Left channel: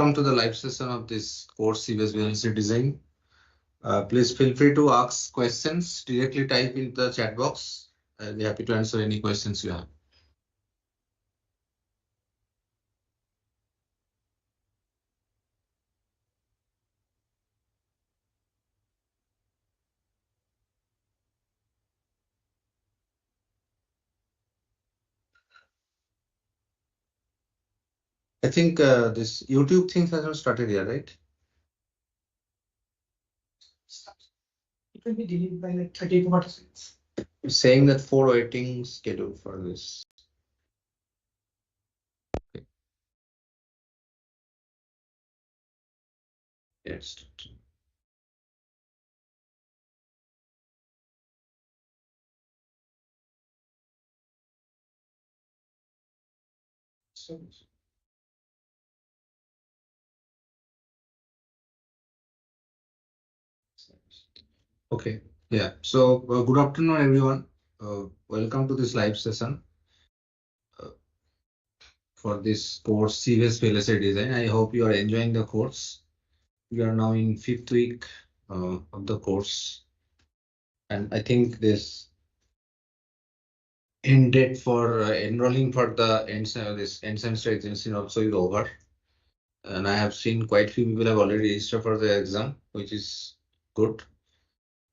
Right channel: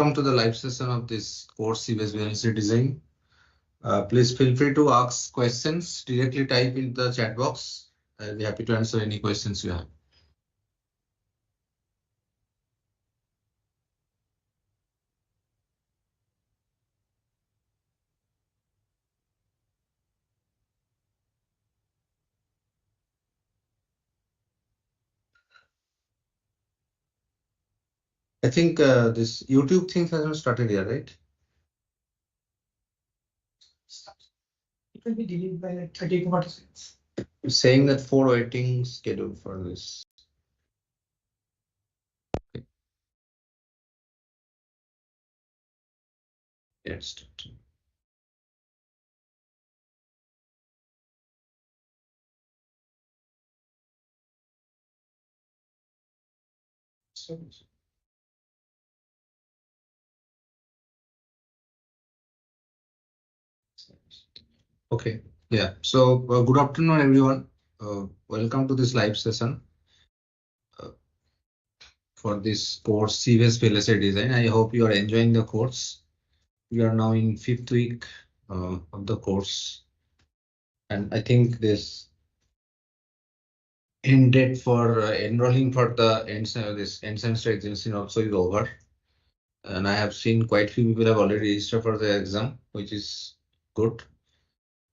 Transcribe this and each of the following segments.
welcome to the live session of this course CVS VLSI Design. Please feel free to ask questions, directly type in the chat box. I'll be happy to answer any questions you have. I think this YouTube thing hasn't started yet, right? It will be delayed by like 30 to 40 seconds. You're saying that 4 waiting schedule for this. Okay. Yes. Okay. Yeah. So good afternoon, everyone. Welcome to this live session for this course CVS VLSI Design. I hope you are enjoying the course. We are now in 5th week of the course, and I think this end date for enrolling for the this end semester examination also is over. And I have seen quite few people have already registered for the exam, which is good.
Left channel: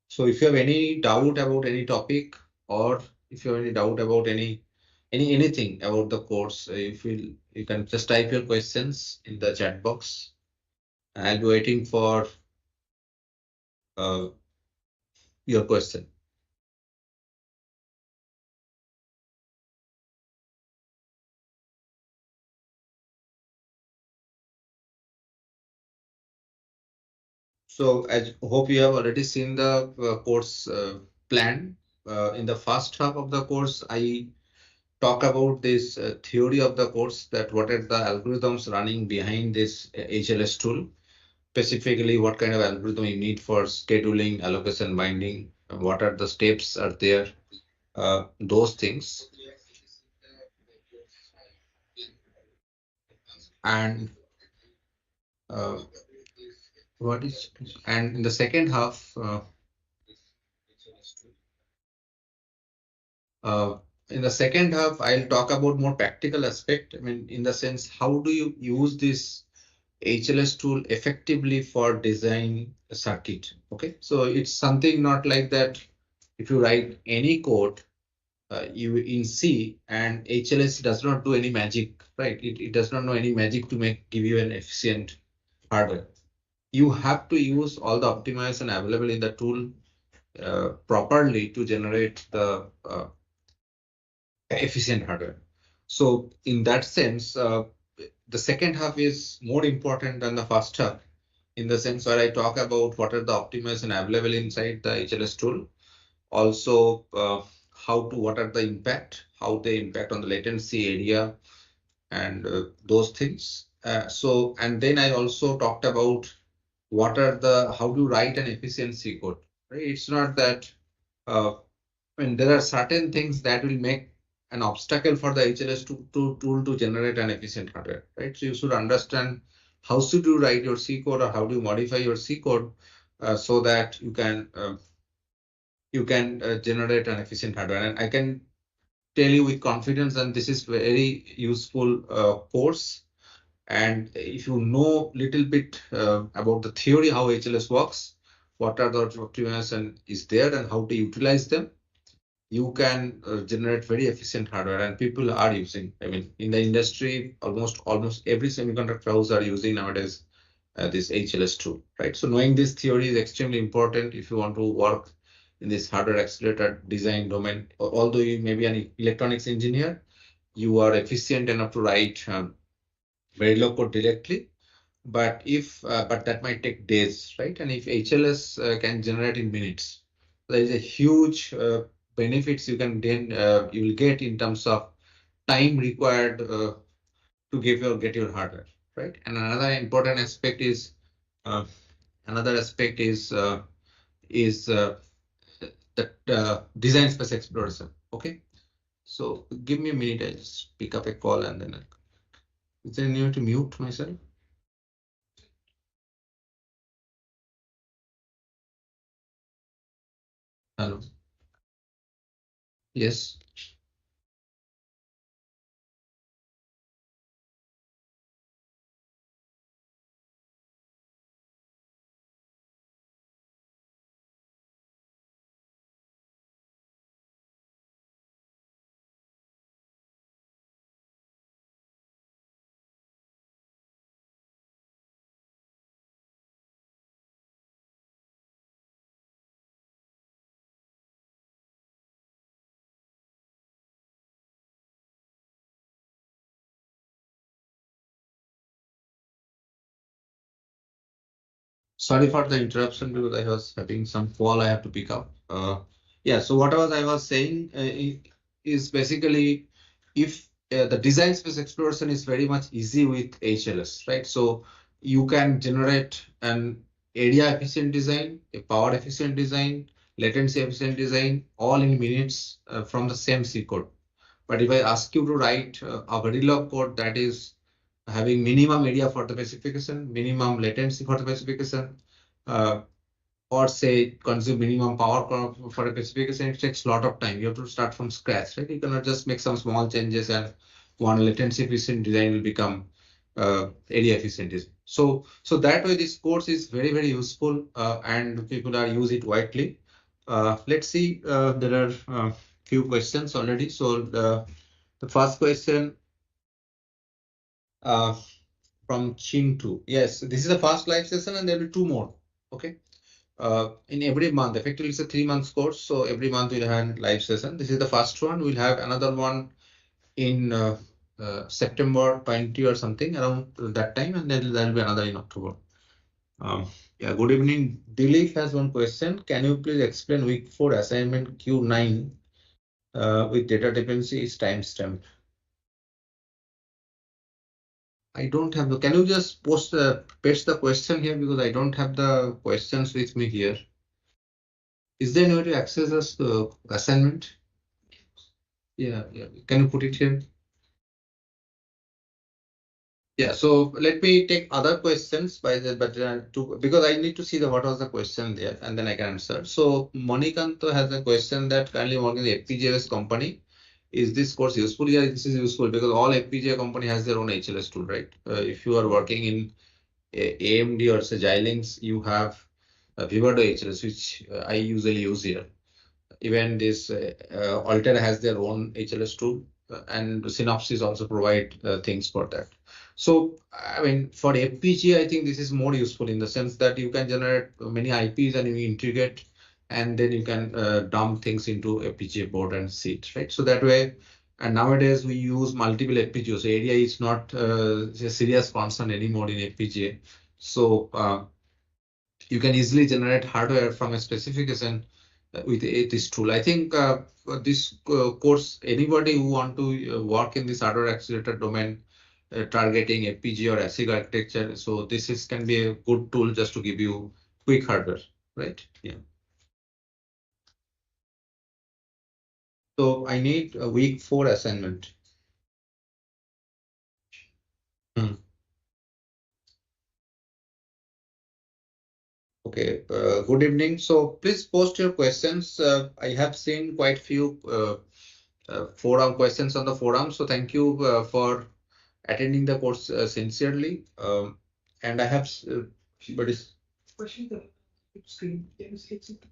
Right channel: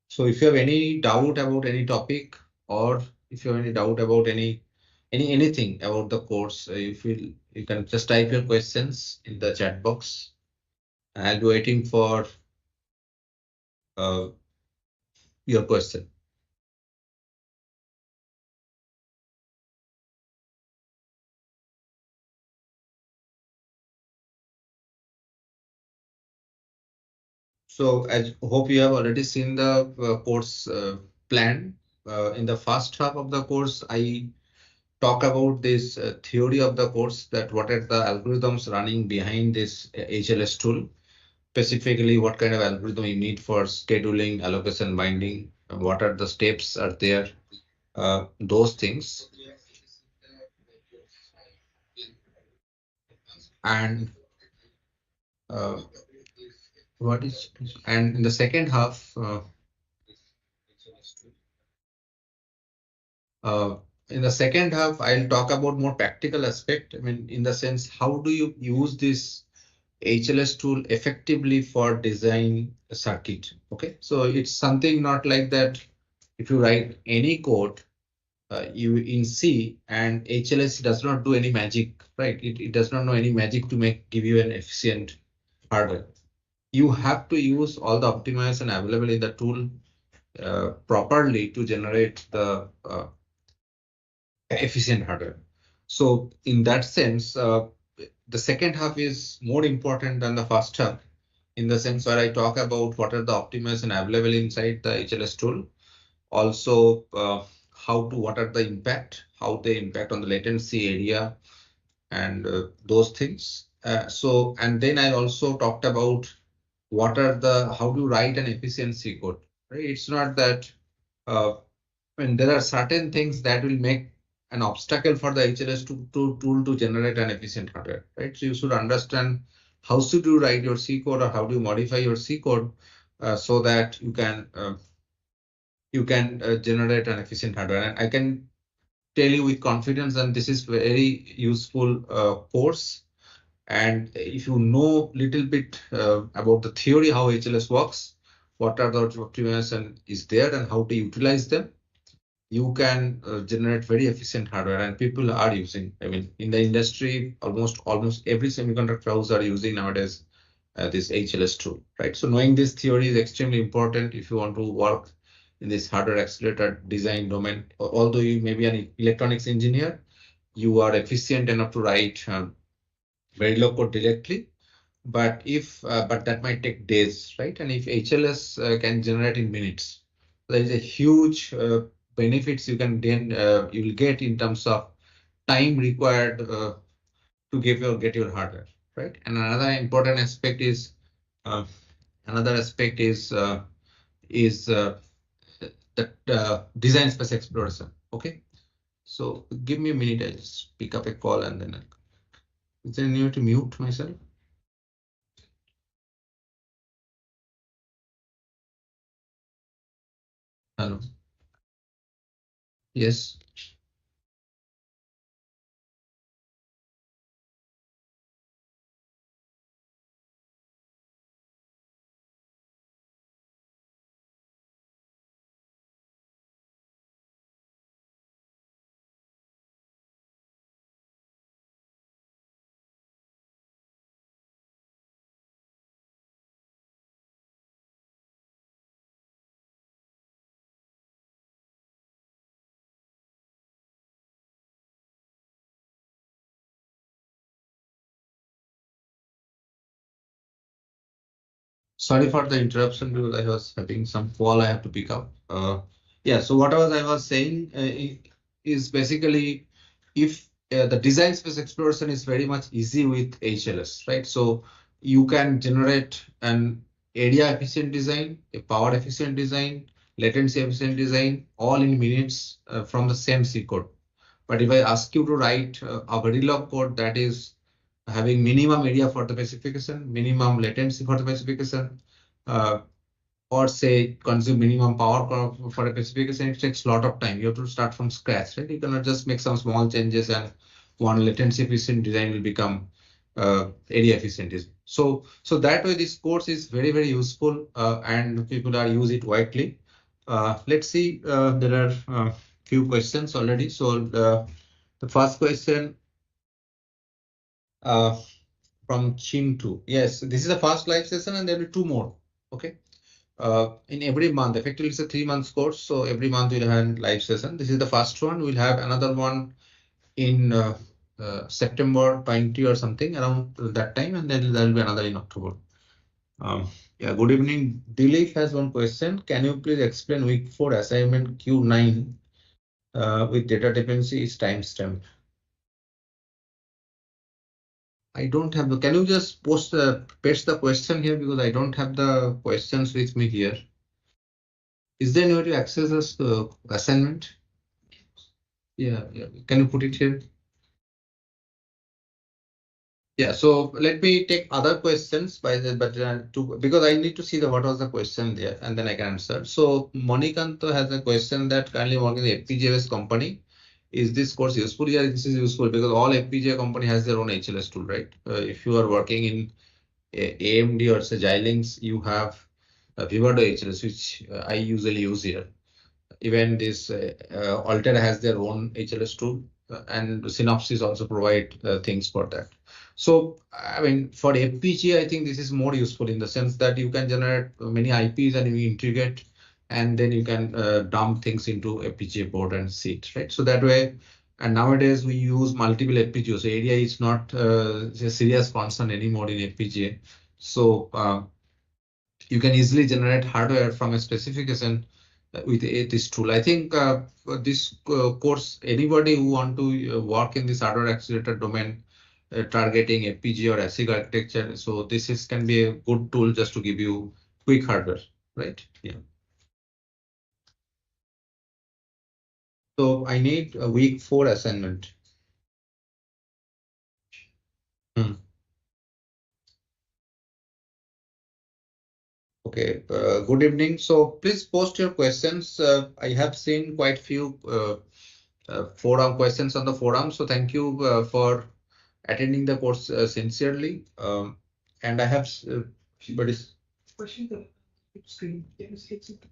So if you have any doubt about any topic, or if you have any doubt about anything about the course, you can just type your questions in the chat box. I'll be waiting for your question. So I hope you have already seen the course plan. In the first half of the course, I talk about this theory of the course, that what are the algorithms running behind this HLS tool, specifically what kind of algorithm you need for scheduling, allocation, binding, what are the steps are there, those things. And in the second half, I'll talk about more practical aspect. I mean, in the sense, how do you use this HLS tool effectively for design a circuit? Okay, so it's something not like that. If you write any code, you in C, and HLS does not do any magic, right? It does not know any magic to give you an efficient hardware. You have to use all the optimization available in the tool properly to generate the efficient hardware. So in that sense, the second half is more important than the first half, in the sense where I talk about what are the optimization available inside the HLS tool. Also, what are the impact, how they impact on the latency area, and those things. And then I also talked about how to write an efficiency code. Right? It's not that when there are certain things that will make an obstacle for the HLS tool to generate an efficient hardware, right? So you should understand how should you write your C code, or how do you modify your C code so that you can generate an efficient hardware. And I can tell you with confidence that this is very useful course. And if you know little bit about the theory, how HLS works, what are the optimization is there, and how to utilize them, you can generate very efficient hardware. And people are using, I mean, in the industry, almost every semiconductor house are using nowadays this HLS tool, right? So knowing this theory is extremely important if you want to work in this hardware accelerator design domain. Although you may be an electronics engineer, you are efficient enough to write very low code directly, but that might take days, right? And if HLS can generate in minutes, there is a huge benefits you can you will get in terms of time required to get your hardware, right? And another important aspect is that design space exploration. Okay, so give me a minute. I'll just pick up a call and then is there any way to mute myself? Hello. Yes. Sorry for the interruption because I was having some call I have to pick up. Yeah, so what I was saying is basically if the design space exploration is very much easy with HLS, right? So you can generate an area efficient design, a power efficient design, latency efficient design, all in minutes from the same C code. But if I ask you to write a Verilog code that is having minimum area for the specification, minimum latency for the specification, uh, or say consume minimum power for a specification, it takes a lot of time. You have to start from scratch, right? You cannot just make some small changes and one latency efficient design will become area efficient. So that way this course is very, very useful and people are use it widely. Let's see, there are few questions already. So the first question uh, from Chintu. Yes, this is the first live session and there will be two more. Okay. In every month, effectively it's a 3 months course. So every month we'll have a live session. This is the first one. We'll have another one in September 20 or something around that time. And then there'll be another in October. Yeah, good evening. Dilip has one question. Can you please explain week 4 assignment Q9 with data dependency is timestamp? I don't have the, can you just paste the question here because I don't have the questions with me here. Is there any way to access this assignment? Yeah, yeah. Can you put it here? Yeah, so let me take other questions by the, but because I need to see the what was the question there and then I can answer. So Monikanto has a question that currently working in the FPGA company. Is this course useful? Yeah, this is useful because all FPGA company has their own HLS tool, right? If you are working in AMD or say Xilinx, you have Vivato HLS, which I usually use here. Even this Alter has their own HLS tool, and Synopsys also provide things for that. So, I mean, for FPGA, I think this is more useful in the sense that you can generate many IPs and you integrate, and then you can dump things into FPGA board and see it, right? So that way, and nowadays we use multiple FPGAs. So area is not a serious concern anymore in FPGA. So you can easily generate hardware from a specification with this tool. I think for this course, anybody who want to work in this hardware accelerator domain, targeting FPGA or ASIC architecture, so this is can be a good tool just to give you quick hardware, right? Yeah. So I need a week 4 assignment. Hmm. Okay, good evening. So please post your questions. I have seen quite few forum questions on the forum. So thank you for attending the course sincerely. And I have, but it's Question the screen. Can you see it?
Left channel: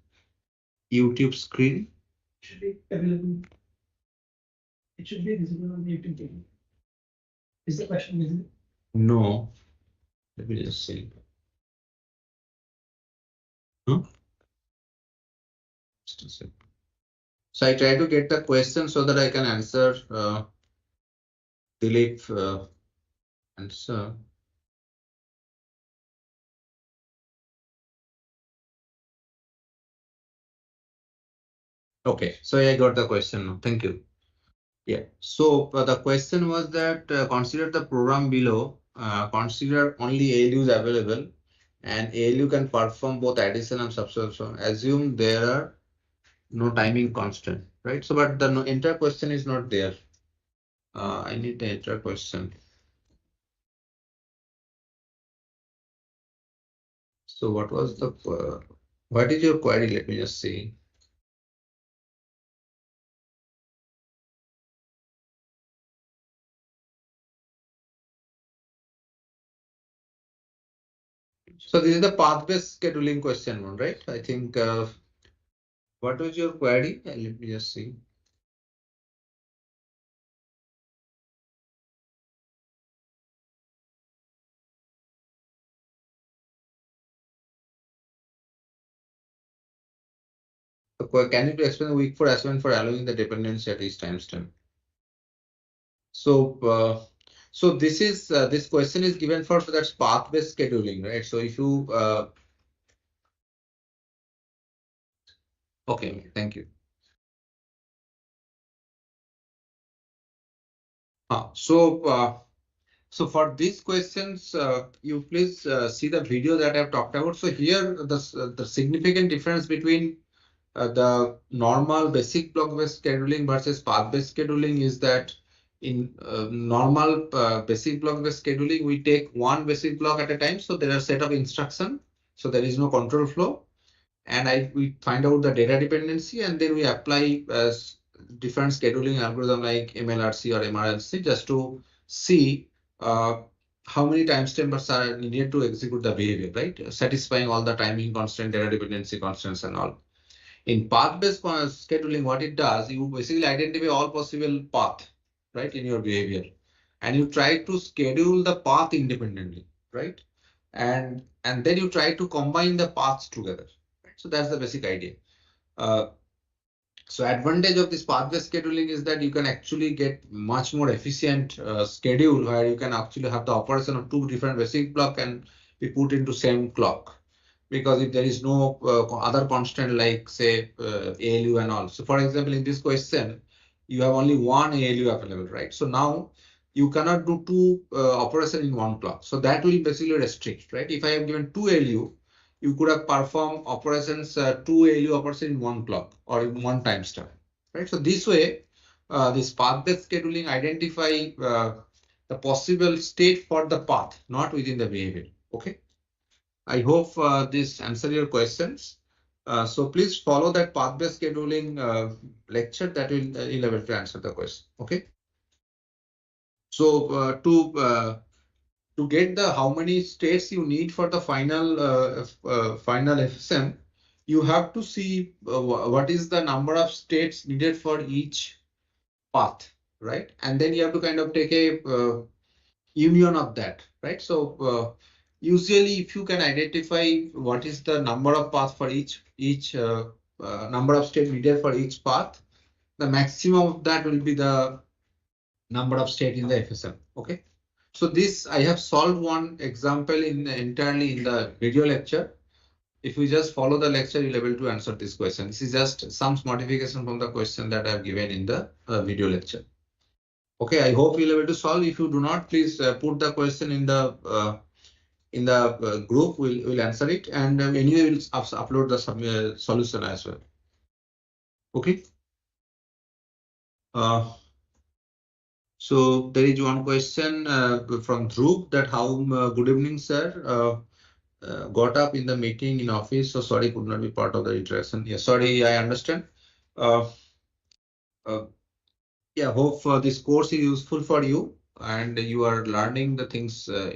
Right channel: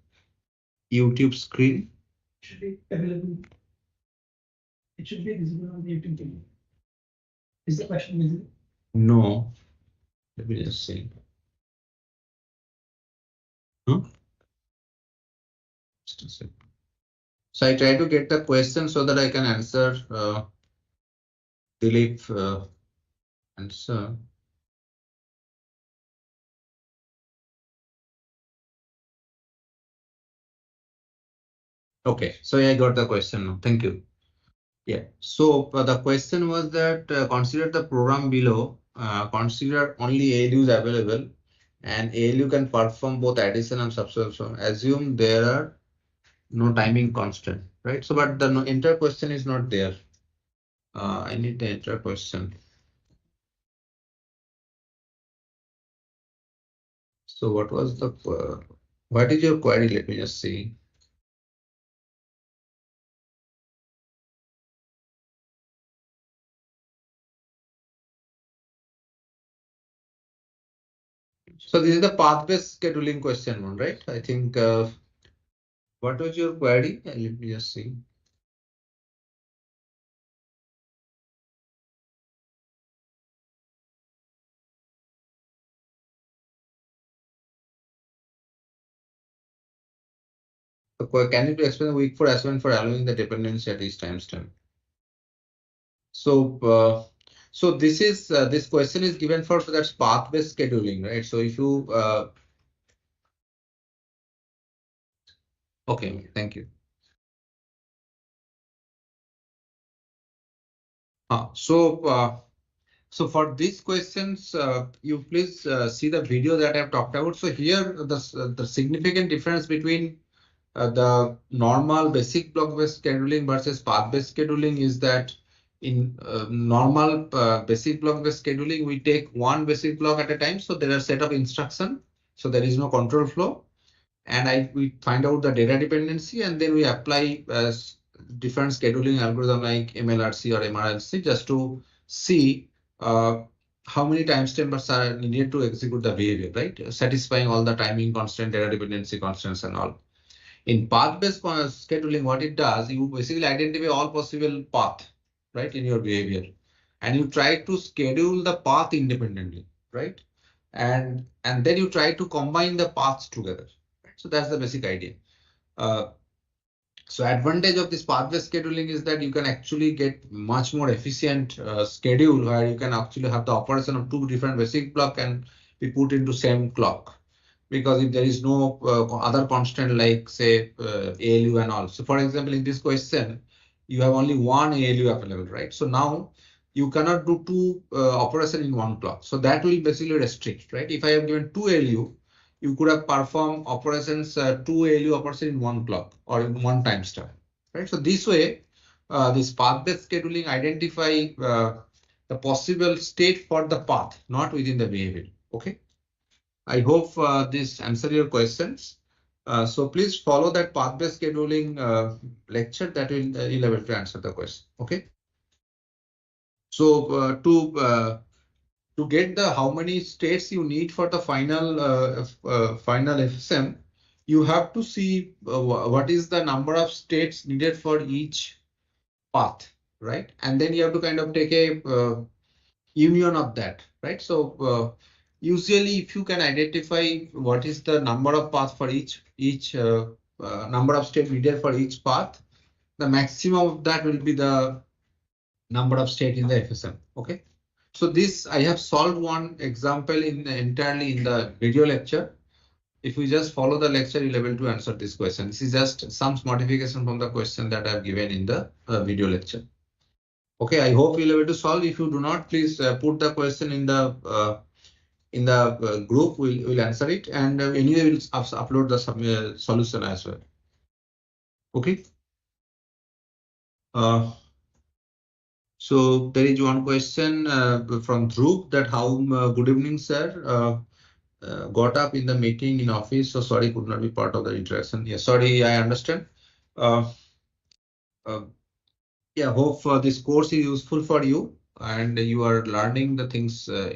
YouTube screen. Should be available. It should be visible on the YouTube channel. Is the question visible? No, let me just see. Huh? Just a sec. So I try to get the question so that I can answer Dilip answer. Okay, so I got the question now. Thank you. Yeah. So the question was that consider the program below. Consider only ALUs available, and ALU can perform both addition and subtraction. Assume there are no timing constant, right? So, but the entire question is not there. I need the entire question. So, what was the what is your query? Let me just see. So this is the path-based scheduling question one, right? I think, what was your query? Let me just see. Can you explain the week for assignment for allowing the dependency at each timestamp? So, so this is this question is given for that path-based scheduling, right? So if you okay, thank you. So for these questions, you please see the video that I've talked about. So here, the significant difference between the normal basic block-based scheduling versus path-based scheduling is that in normal basic block-based scheduling, we take one basic block at a time. So there are a set of instruction. So there is no control flow. And we find out the data dependency, and then we apply different scheduling algorithm like MLRC or MRLC just to see how many timestamps are needed to execute the behavior, right? Satisfying all the timing constant, data dependency constants, and all. In path-based scheduling, what it does, you basically identify all possible path, right, in your behavior, and you try to schedule the path independently, right? And then you try to combine the paths together. So that's the basic idea. Uh, so advantage of this path-based scheduling is that you can actually get much more efficient schedule where you can actually have the operation of two different basic block and be put into same clock. Because if there is no other constant like say ALU and all. So for example, in this question, you have only one ALU available, right? So now you cannot do two operation in one clock. So that will basically restrict, right? If I have given two ALU, you could have performed operations, two ALU operations in one clock or in one timestamp, right? So this way, this path-based scheduling identify the possible state for the path, not within the behavior. Okay. I hope this answer your questions. So please follow that path-based scheduling lecture that will you'll able to answer the question. Okay. So to get the how many states you need for the final FSM, you have to see what is the number of states needed for each path, right? And then you have to kind of take a union of that, right? So usually if you can identify what is the number of paths for each number of states needed for each path, the maximum of that will be the number of states in the FSM. Okay. So this I have solved one example entirely in the video lecture. If you just follow the lecture, you'll be able to answer this question. This is just some modification from the question that I've given in the video lecture. Okay, I hope you'll be able to solve. If you do not, please put the question in the group. We'll answer it, and anyway, we'll upload the solution as well. Okay. So there is one question from Dhruv that how good evening, sir. Got up in the meeting in office, so sorry could not be part of the interaction. Yeah, sorry, I understand. Uh, yeah, hope this course is useful for you and you are learning the things and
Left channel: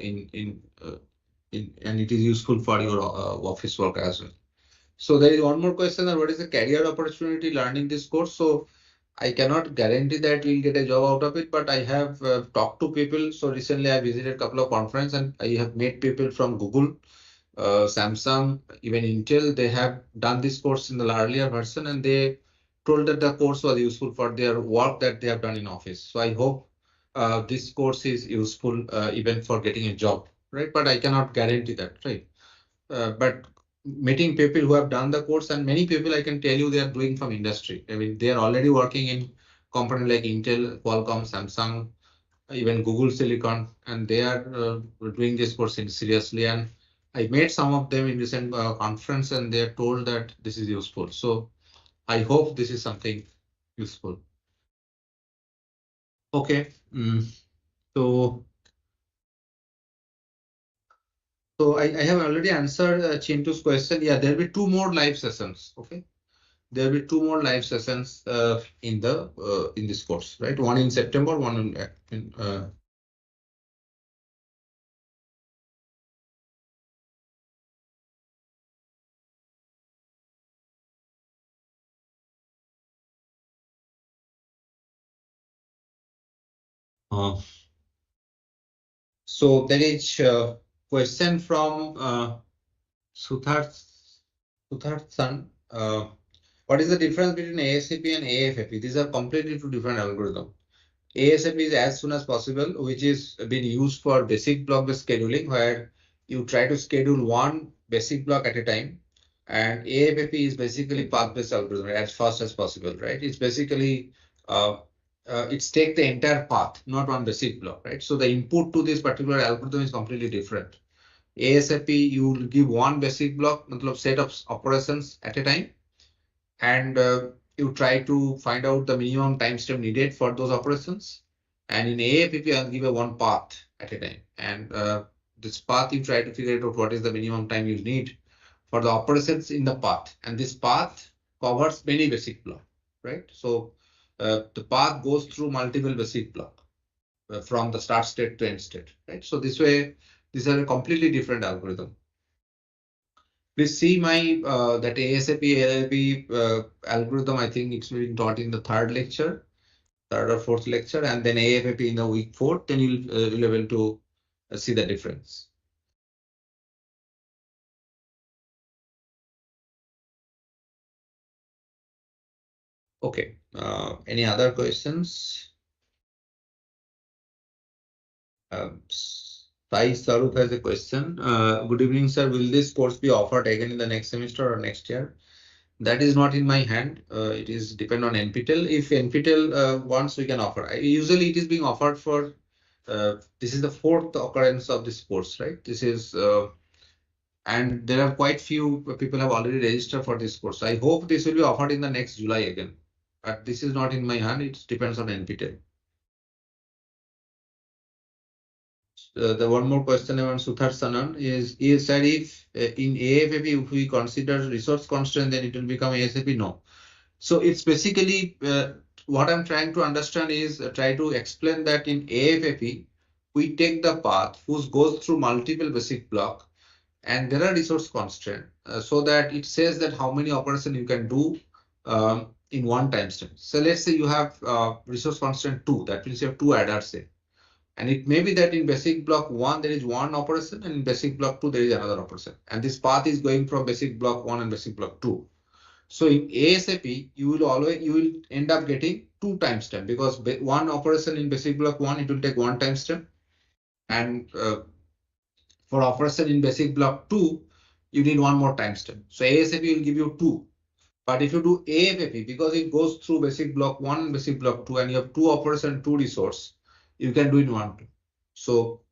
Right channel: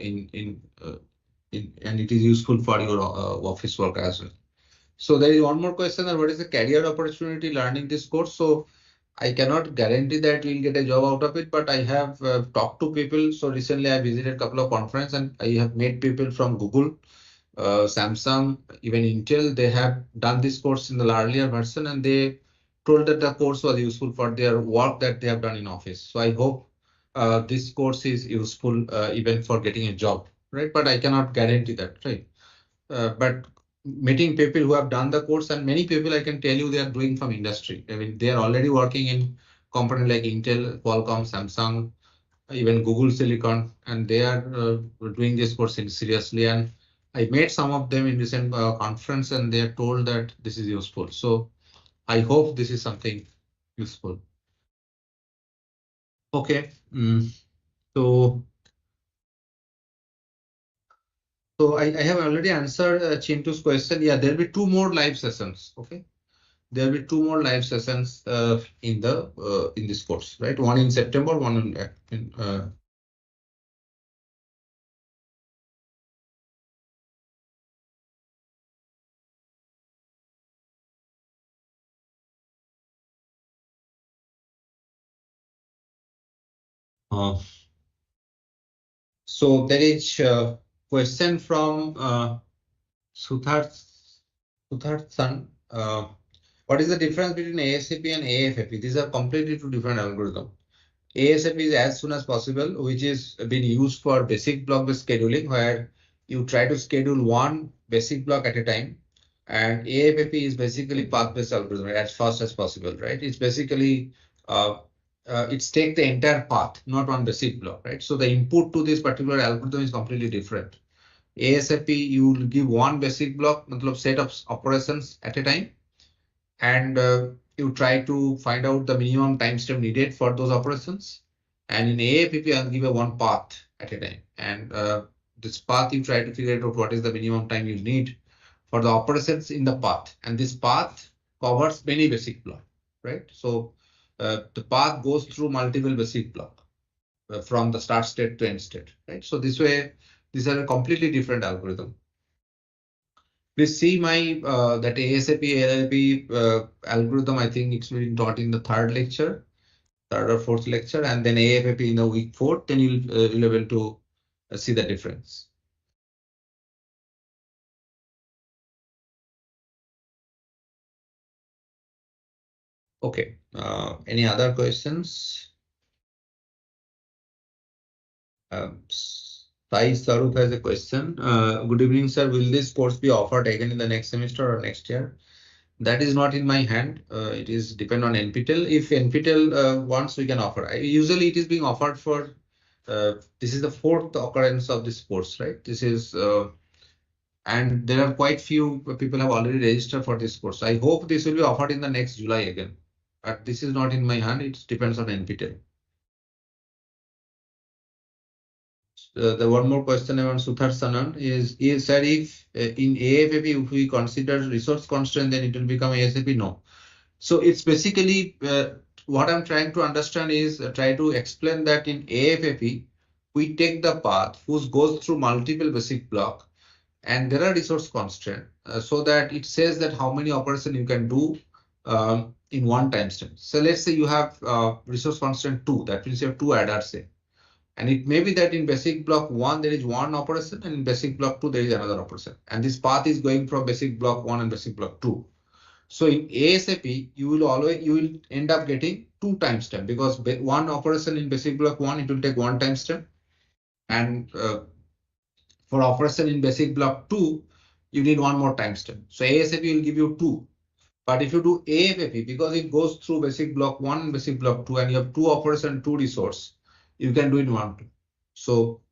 it is useful for your office work as well. So there is one more question that what is the career opportunity learning this course? So I cannot guarantee that we'll get a job out of it, but I have talked to people. So recently I visited a couple of conferences and I have met people from Google, Samsung, even Intel. They have done this course in the earlier version and they told that the course was useful for their work that they have done in office. So I hope this course is useful even for getting a job, right? But I cannot guarantee that, right? But meeting people who have done the course and many people I can tell you they are doing from industry. I mean, they are already working in company like Intel, Qualcomm, Samsung, even Google Silicon, and they are doing this course seriously. And I met some of them in recent conference and they are told that this is useful. So I hope this is something useful. Okay. So I have already answered Chintu's question. Yeah, there'll be two more live sessions. Okay. There will be two more live sessions in this course, right? One in September, one in So there is a question from Sudharth San. What is the difference between ASAP and AFFE? These are completely two different algorithms. ASAP is as soon as possible, which is being used for basic block-based scheduling, where you try to schedule one basic block at a time. And AFFE is basically path-based algorithm as fast as possible, right? It's basically it's take the entire path, not one basic block, right? So the input to this particular algorithm is completely different. ASAP, you will give one basic block, set of operations at a time, and you try to find out the minimum time step needed for those operations. And in AAPP, I'll give a one path at a time. And this path, you try to figure out what is the minimum time you need for the operations in the path. And this path covers many basic blocks, right? So the path goes through multiple basic blocks from the start state to end state, right? So this way, these are a completely different algorithm. Please see my that ASAP ALP algorithm. I think it's been taught in the third or fourth lecture, and then AFP in the week 4. Then you'll be able to see the difference. Okay. Any other questions? Sai Sarup has a question. Good evening, sir. Will this course be offered again in the next semester or next year? That is not in my hand. It is depend on NPTEL. If NPTEL wants, we can offer. Usually it is being offered for, this is the fourth occurrence of this course, right? This is, and there are quite few people have already registered for this course. I hope this will be offered in the next July again. But this is not in my hand. It depends on NPTEL. The one more question on Suthar Sanan is that if in AFAP, if we consider resource constraint, then it will become ASAP? No. So it's basically what I'm trying to understand is try to explain that in AFAP, we take the path which goes through multiple basic block, and there are resource constraint so that it says that how many operations you can do in one time stamp. So let's say you have resource constraint 2, that means you have 2 adders say. And it may be that in basic block 1, there is one operation, and in basic block 2, there is another operation. And this path is going from basic block 1 and basic block 2. So in ASAP, you will end up getting 2 timestamp, because one operation in basic block 1, it will take 1 timestamp. And for operation in basic block 2, you need 1 more timestamp. So ASAP will give you 2. But if you do AFAP, because it goes through basic block 1 and basic block 2, and you have 2 operation, 2 resource, you can do it in one. So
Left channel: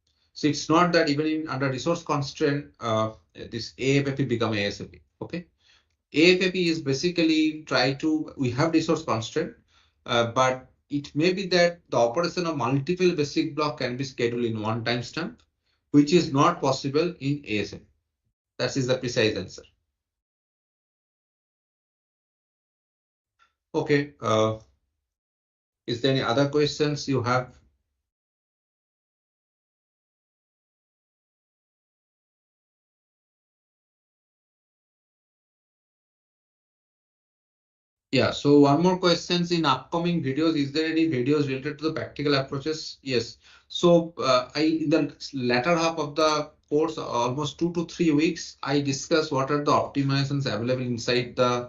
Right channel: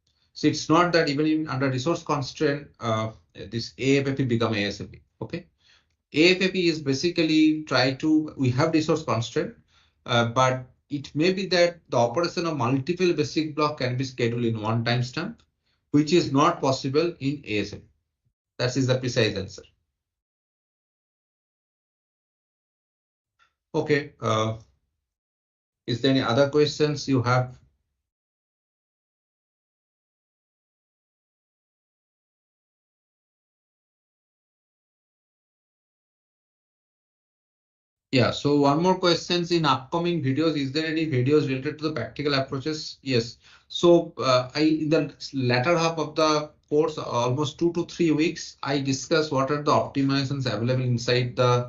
it's not that even under resource constraint, this AFAP become ASAP. Okay. AFAP is basically we have resource constraint, but it may be that the operation of multiple basic block can be scheduled in one timestamp, which is not possible in ASAP. That is the precise answer. Okay. Is there any other questions you have? Yeah, so one more questions in upcoming videos. Is there any videos related to the practical approaches? Yes. So in the latter half of the course, almost 2 to 3 weeks, I discuss what are the optimizations available inside the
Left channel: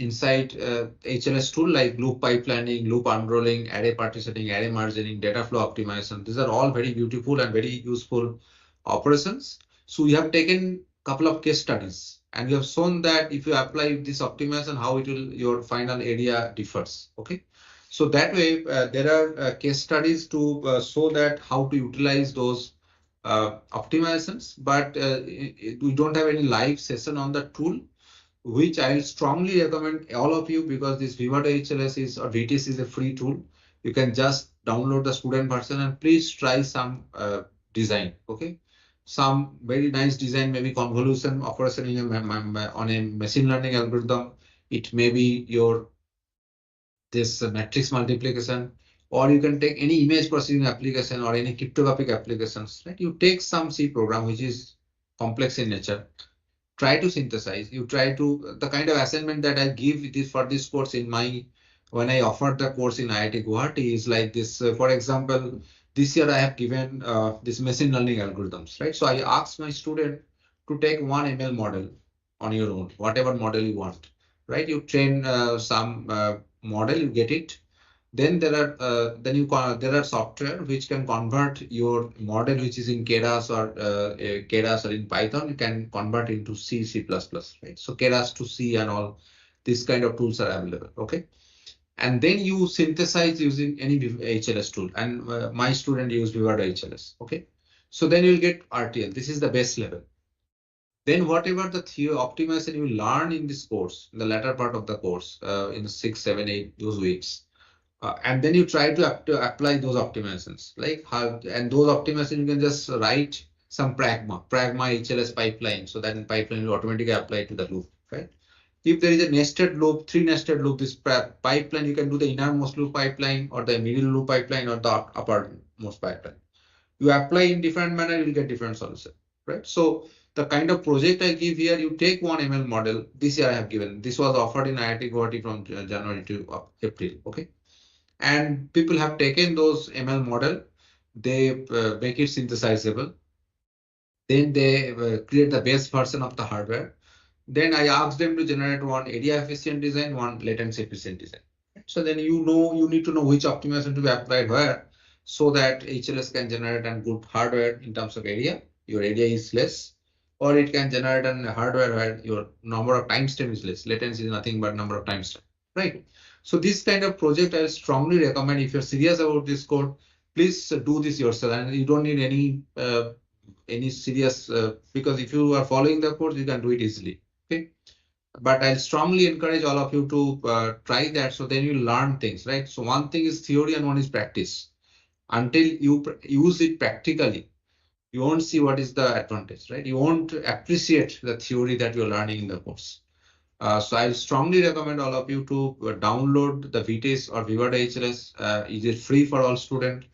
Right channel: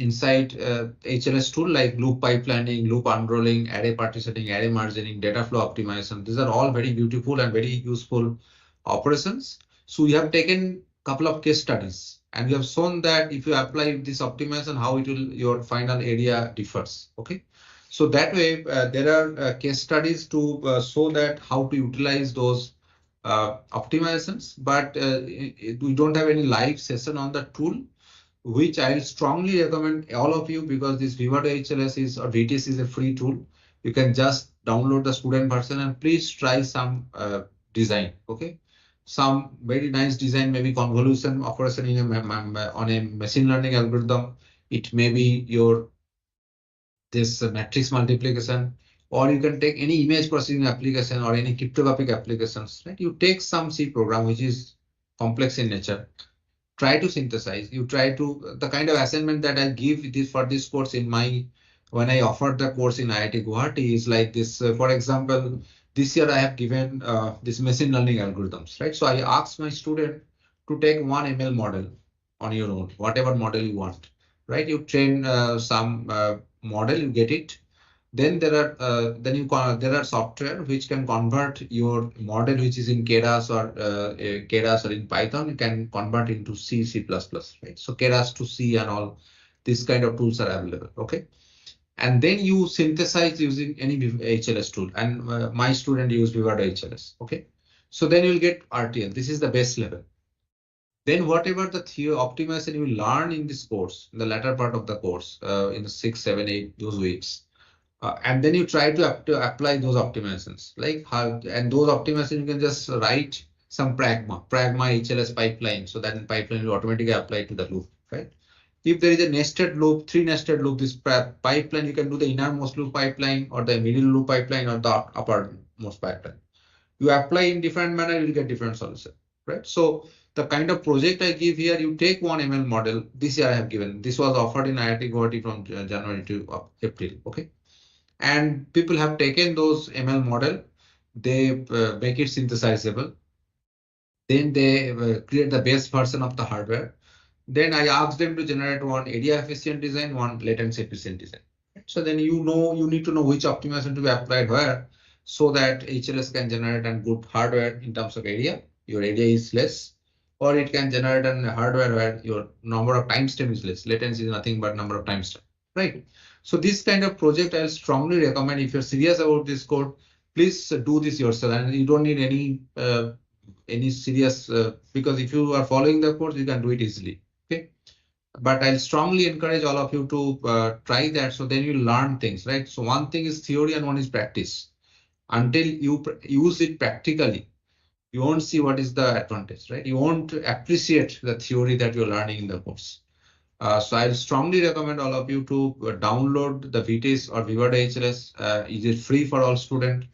HLS tool, like loop pipelining, loop unrolling, array partitioning, array margining, data flow optimization. These are all very beautiful and very useful operations. So we have taken a couple of case studies, and we have shown that if you apply this optimization, how your final area differs. Okay, so that way there are case studies to show that how to utilize those optimizations, but we don't have any live session on the tool, which I'll strongly recommend all of you, because this Vivato HLS or VTS is a free tool. You can just download the student version and please try some design. Okay, some very nice design, maybe convolution operation on a machine learning algorithm. It may be this matrix multiplication, or you can take any image processing application or any cryptographic applications. Right? You take some C program which is complex in nature. Try to synthesize. You try to the kind of assignment that I give this for this course in my when I offered the course in IIT Guwahati is like this. For example, this year I have given this machine learning algorithms, right? So I asked my student to take one ML model on your own, whatever model you want, right? You train some model, you get it. Then there are software which can convert your model, which is in Keras or Keras or in Python, you can convert into C, C++, right? So Keras to C and all these kind of tools are available. Okay. And then you synthesize using any HLS tool. And my student used Vivado HLS. Okay. So then you'll get RTL. This is the base level. Then whatever the theory optimization you learn in this course, in the latter part of the course, in the 6, 7, 8 those weeks, and then you try to apply those optimizations. Like how, and those optimizations you can just write some pragma HLS pipeline, so that in pipeline will automatically apply to the loop, right? If there is a nested loop, three nested loop, this pipeline, you can do the innermost loop pipeline or the middle loop pipeline or the uppermost pipeline. You apply in different manner, you'll get different solution, right? So the kind of project I give here, you take one ML model. This year I have given. This was offered in IIT Guwahati from January to April. Okay, and people have taken those ML model. They make it synthesizable. Then they create the base version of the hardware. Then I asked them to generate one area efficient design, one latency efficient design. So then you need to know which optimization to be applied where, so that HLS can generate a good hardware in terms of area. Your area is less, or it can generate a hardware where your number of timestamp is less. Latency is nothing but number of timestamp, right? So this kind of project I strongly recommend. If you're serious about this code, please do this yourself, and you don't need any serious because if you are following the course, you can do it easily. Okay, but I'll strongly encourage all of you to try that. So then you learn things, right? So one thing is theory and one is practice. Until you use it practically, you won't see what is the advantage, right? You won't appreciate the theory that you're learning in the course. So I strongly recommend all of you to download the VTS or Vivado HLS. It is free for all students,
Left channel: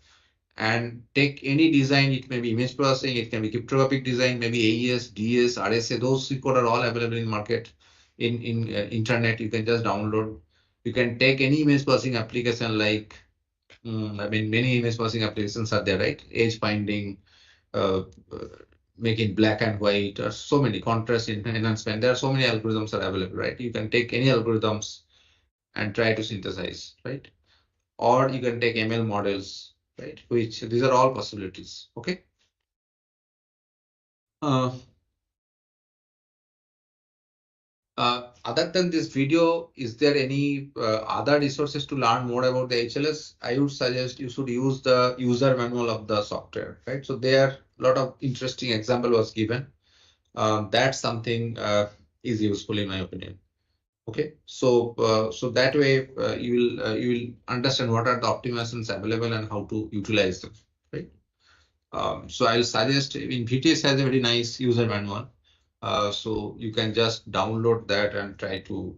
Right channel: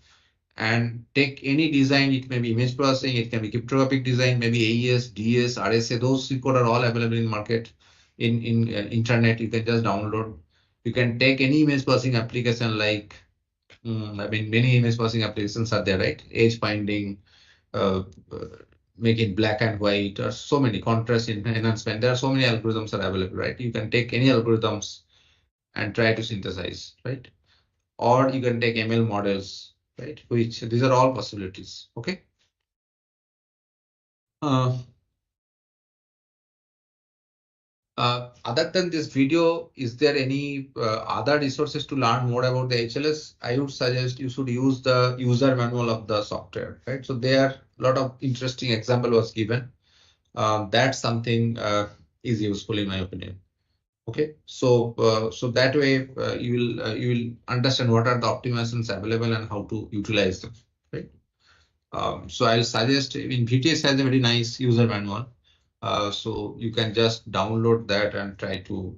and take any design. It may be image processing, it can be cryptographic design, maybe AES, DS, RSA. Those code are all available in market, in internet. You can just download. You can take any image processing application like I mean, many image processing applications are there, right? Edge finding, uh, uh, make it black and white, or so many contrast enhancement. There are so many algorithms are available, right? You can take any algorithms and try to synthesize, right? Or you can take ML models, right? Which these are all possibilities. Okay. Uh, Other than this video, is there any other resources to learn more about the HLS? I would suggest you should use the user manual of the software, right? So there a lot of interesting example was given. That's something is useful in my opinion. Okay, so so that way you will understand what are the optimizations available and how to utilize them, right? So I'll suggest, in VTS has a very nice user manual. So you can just download that and try to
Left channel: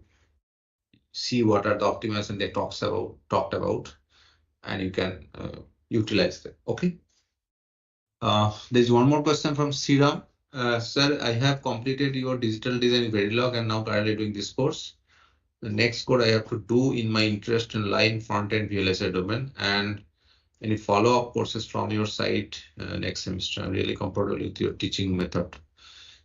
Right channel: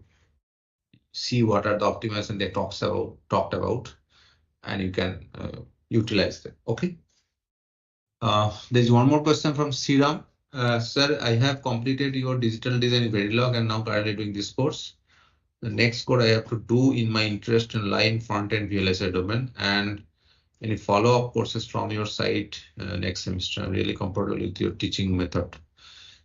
see what are the optimization they talked about, and you can utilize them. Okay. There's one more question from Sriram. Sir, I have completed your digital design in Verilog and now currently doing this course. The next code I have to do in my interest in line front-end VLSI domain, and any follow-up courses from your site next semester. I'm really comfortable with your teaching method.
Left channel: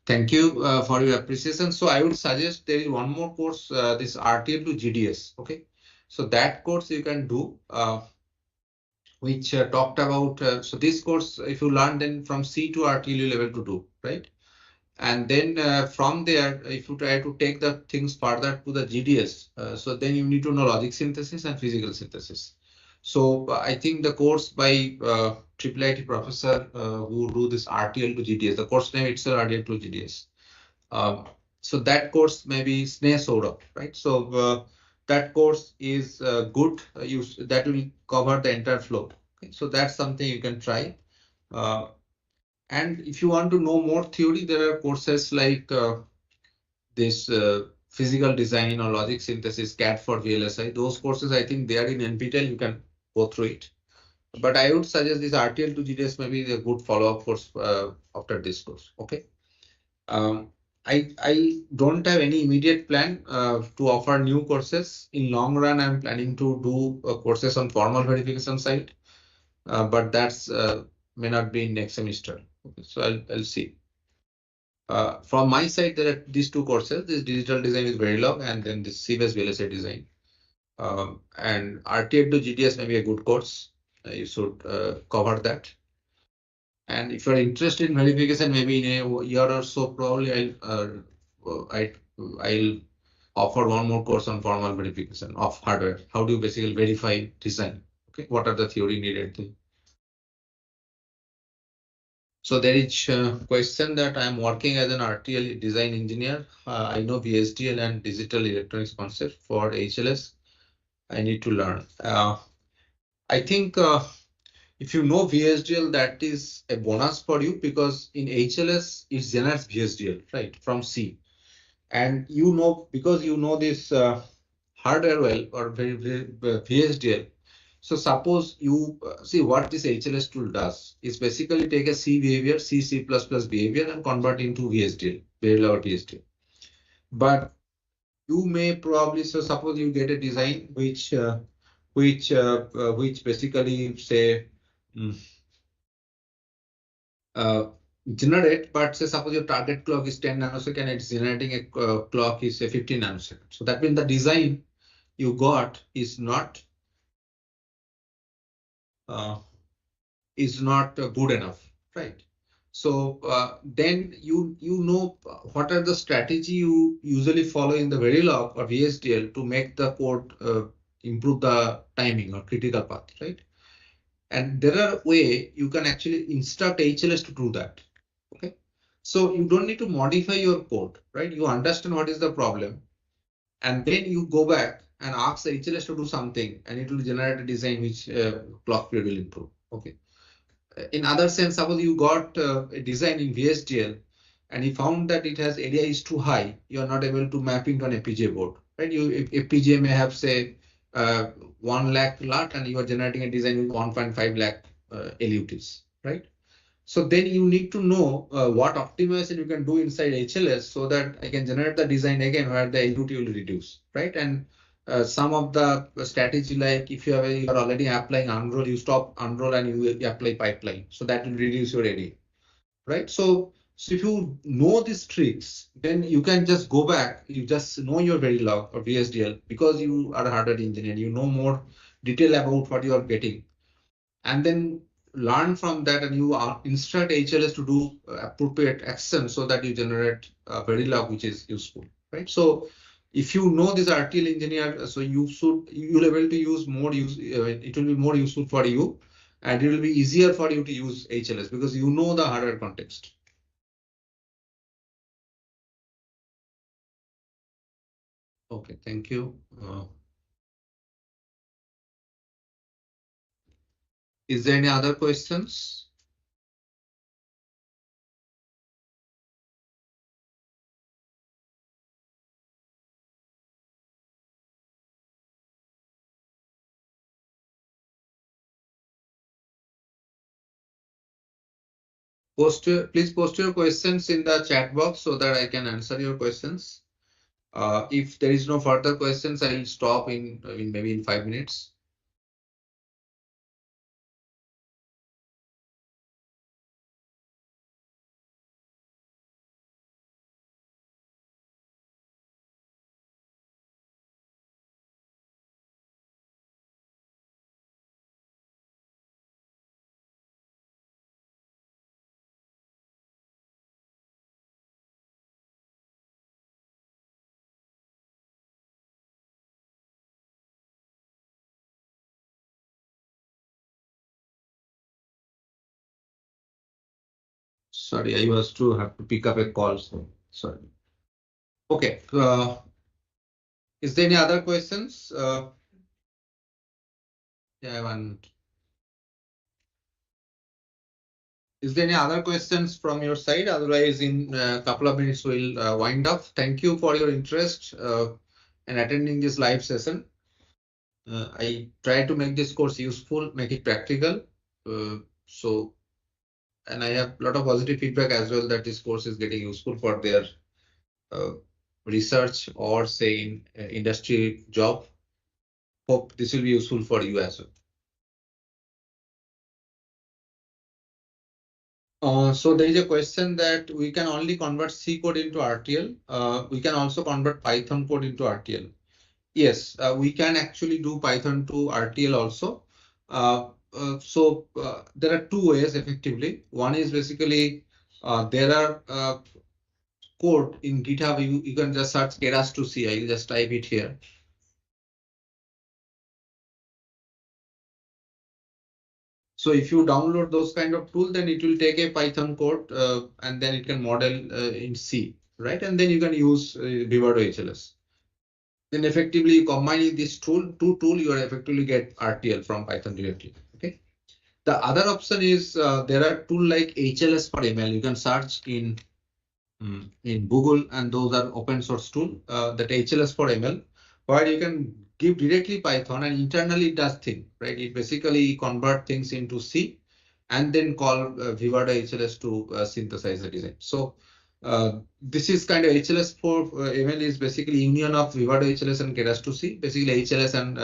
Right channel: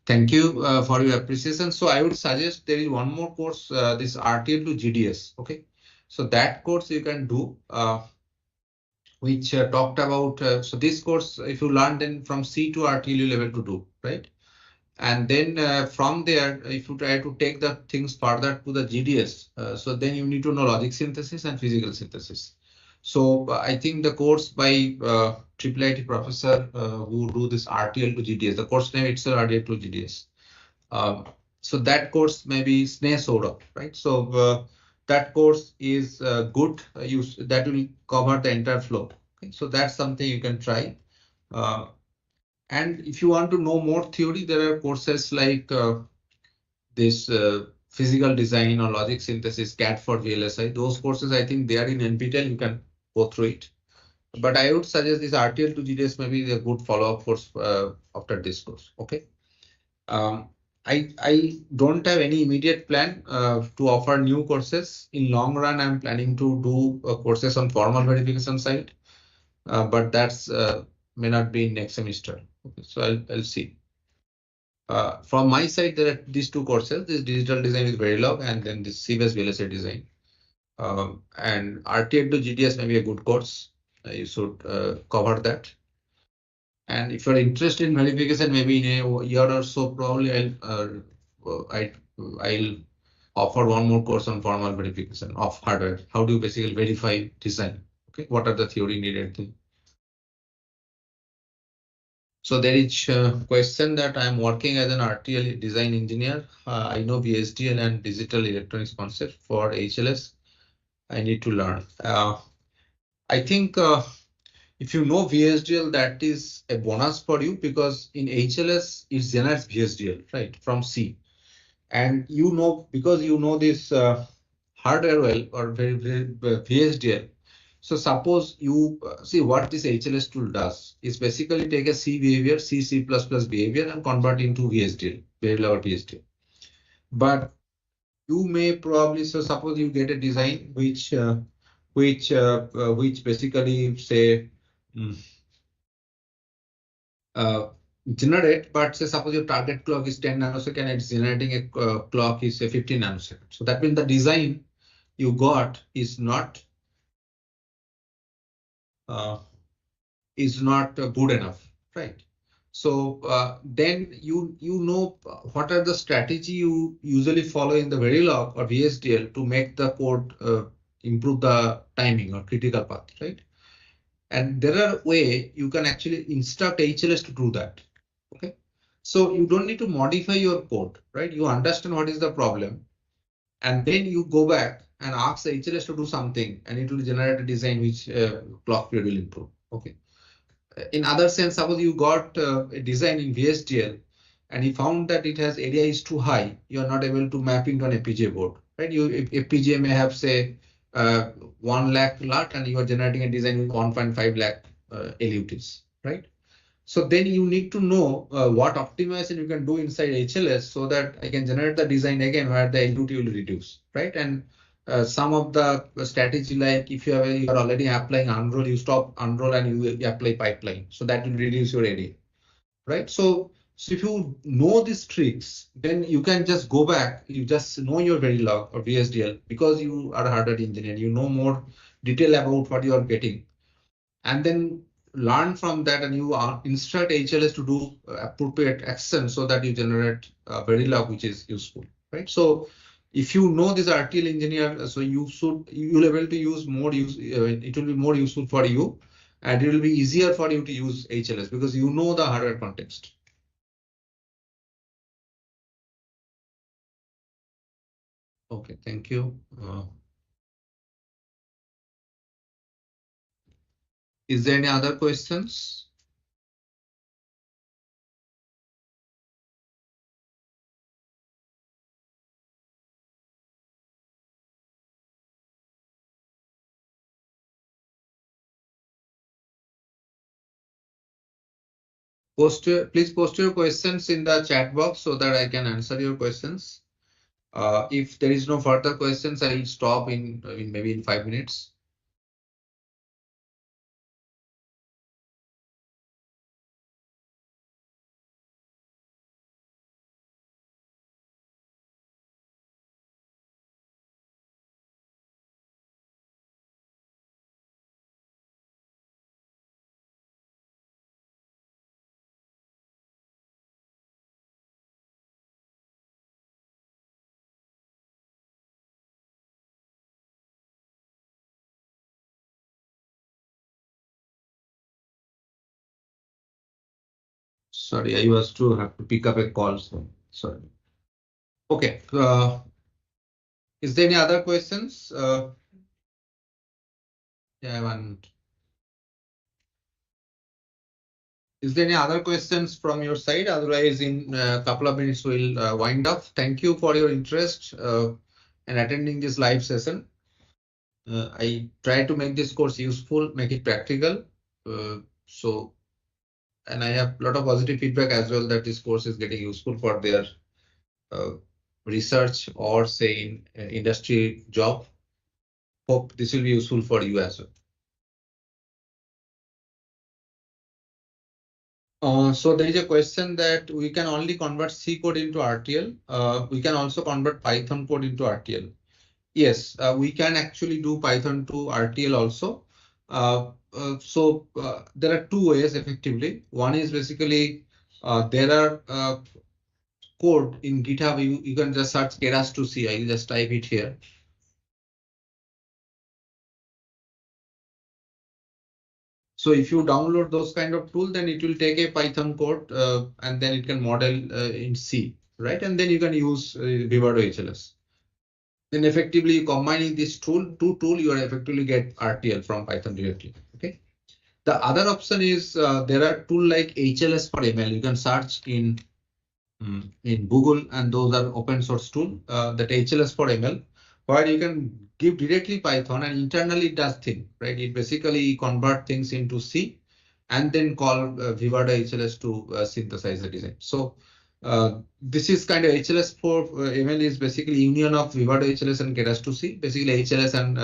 Thank you for your appreciation. So I would suggest there is one more course, this RTL to GDS. Okay, so that course you can do, which talked about. So this course, if you learn, then from C to RTL you'll able to do, right? And then from there, if you try to take the things further to the GDS, so then you need to know logic synthesis and physical synthesis. So I think the course by IIIT professor who do this RTL to GDS, the course name itself RTL to GDS. So that course may be SNE Saurabh, right? So that course is good. That will cover the entire flow. Okay? So that's something you can try. And if you want to know more theory, there are courses like this physical design or logic synthesis, CAD for VLSI. Those courses, I think they are in NPTEL. You can go through it. But I would suggest this RTL to GDS maybe a good follow-up course after this course. Okay. I don't have any immediate plan to offer new courses. In long run, I'm planning to do courses on formal verification side, but that's may not be next semester. Okay, so I'll see. From my side, there are these two courses: this digital design with Verilog, and then this CBS VLSI design. And RTF to GDS may be a good course. You should cover that. And if you're interested in verification, maybe in a year or so, probably I'll offer one more course on formal verification of hardware. How do you basically verify design? Okay, what are the theory needed? So there is a question that I'm working as an RTL design engineer. I know VSDL and digital electronics concept for HLS. I need to learn. I think if you know VSDL, that is a bonus for you because in HLS it generates VSDL, right, from C. And you know, because you know this hardware well or VSDL. So suppose you see what this HLS tool does is basically take a C behavior, C++ behavior and convert into VSDL, very low VSDL. But you may probably, so suppose you get a design which basically say mm, uh, generate, but say suppose your target clock is 10 nanosecond and it's generating a clock is say 15 nanosecond. So that means the design you got uh, is not good enough, right? So then you know what are the strategy you usually follow in the Verilog or VSDL to make the code improve the timing or critical path, right? And there are way you can actually instruct HLS to do that. Okay, so you don't need to modify your code, right? You understand what is the problem, and then you go back and ask the HLS to do something, and it will generate a design which clock period will improve. Okay. In other sense, suppose you got a design in VSDL and you found that it has area is too high, you are not able to map into an FPGA board, right? FPGA may have say 1 lakh LUT and you are generating a design with 1.5 lakh LUTs, right? So then you need to know what optimization you can do inside HLS so that I can generate the design again where the LUT will reduce, right? And some of the strategy, like if you are already applying unroll, you stop unroll and you apply pipeline, so that will reduce your area, right? So if you know these tricks, then you can just go back. You just know your Verilog or VSDL because you are a hardware engineer. You know more detail about what you are getting, and then learn from that, and you instruct HLS to do appropriate action so that you generate a Verilog which is useful, right? So if you know this RTL engineer, so you'll able to use more it will be more useful for you, and it will be easier for you to use HLS because you know the hardware context. Okay, thank you. Is there any other questions? Please post your questions in the chat box so that I can answer your questions. If there is no further questions, I will stop in maybe in 5 minutes. Sorry, I was to have to pick up a call. So sorry. Okay. Is there any other questions? Yeah, one. Is there any other questions from your side? Otherwise, in a couple of minutes, we'll wind up. Thank you for your interest in attending this live session. I try to make this course useful, make it practical. And I have a lot of positive feedback as well that this course is getting useful for their research or say in industry job. Hope this will be useful for you as well. So there is a question that we can only convert C code into RTL. We can also convert Python code into RTL. Yes, we can actually do Python to RTL also. There are two ways effectively. One is basically there are code in GitHub. You can just search Keras to CI. You just type it here. So if you download those kind of tool, then it will take a Python code and then it can model in C, right? And then you can use Vivado HLS. Then effectively combining this two tool, you are effectively get RTL from Python directly. Okay. The other option is there are tool like HLS for ML. You can search in Google, and those are open source tool that HLS for ML, where you can give directly Python and internally it does thing, right? It basically convert things into C and then call Vivado HLS to synthesize the design. So this is kind of HLS for ML is basically union of Vivado HLS and Keras to C. Basically HLS and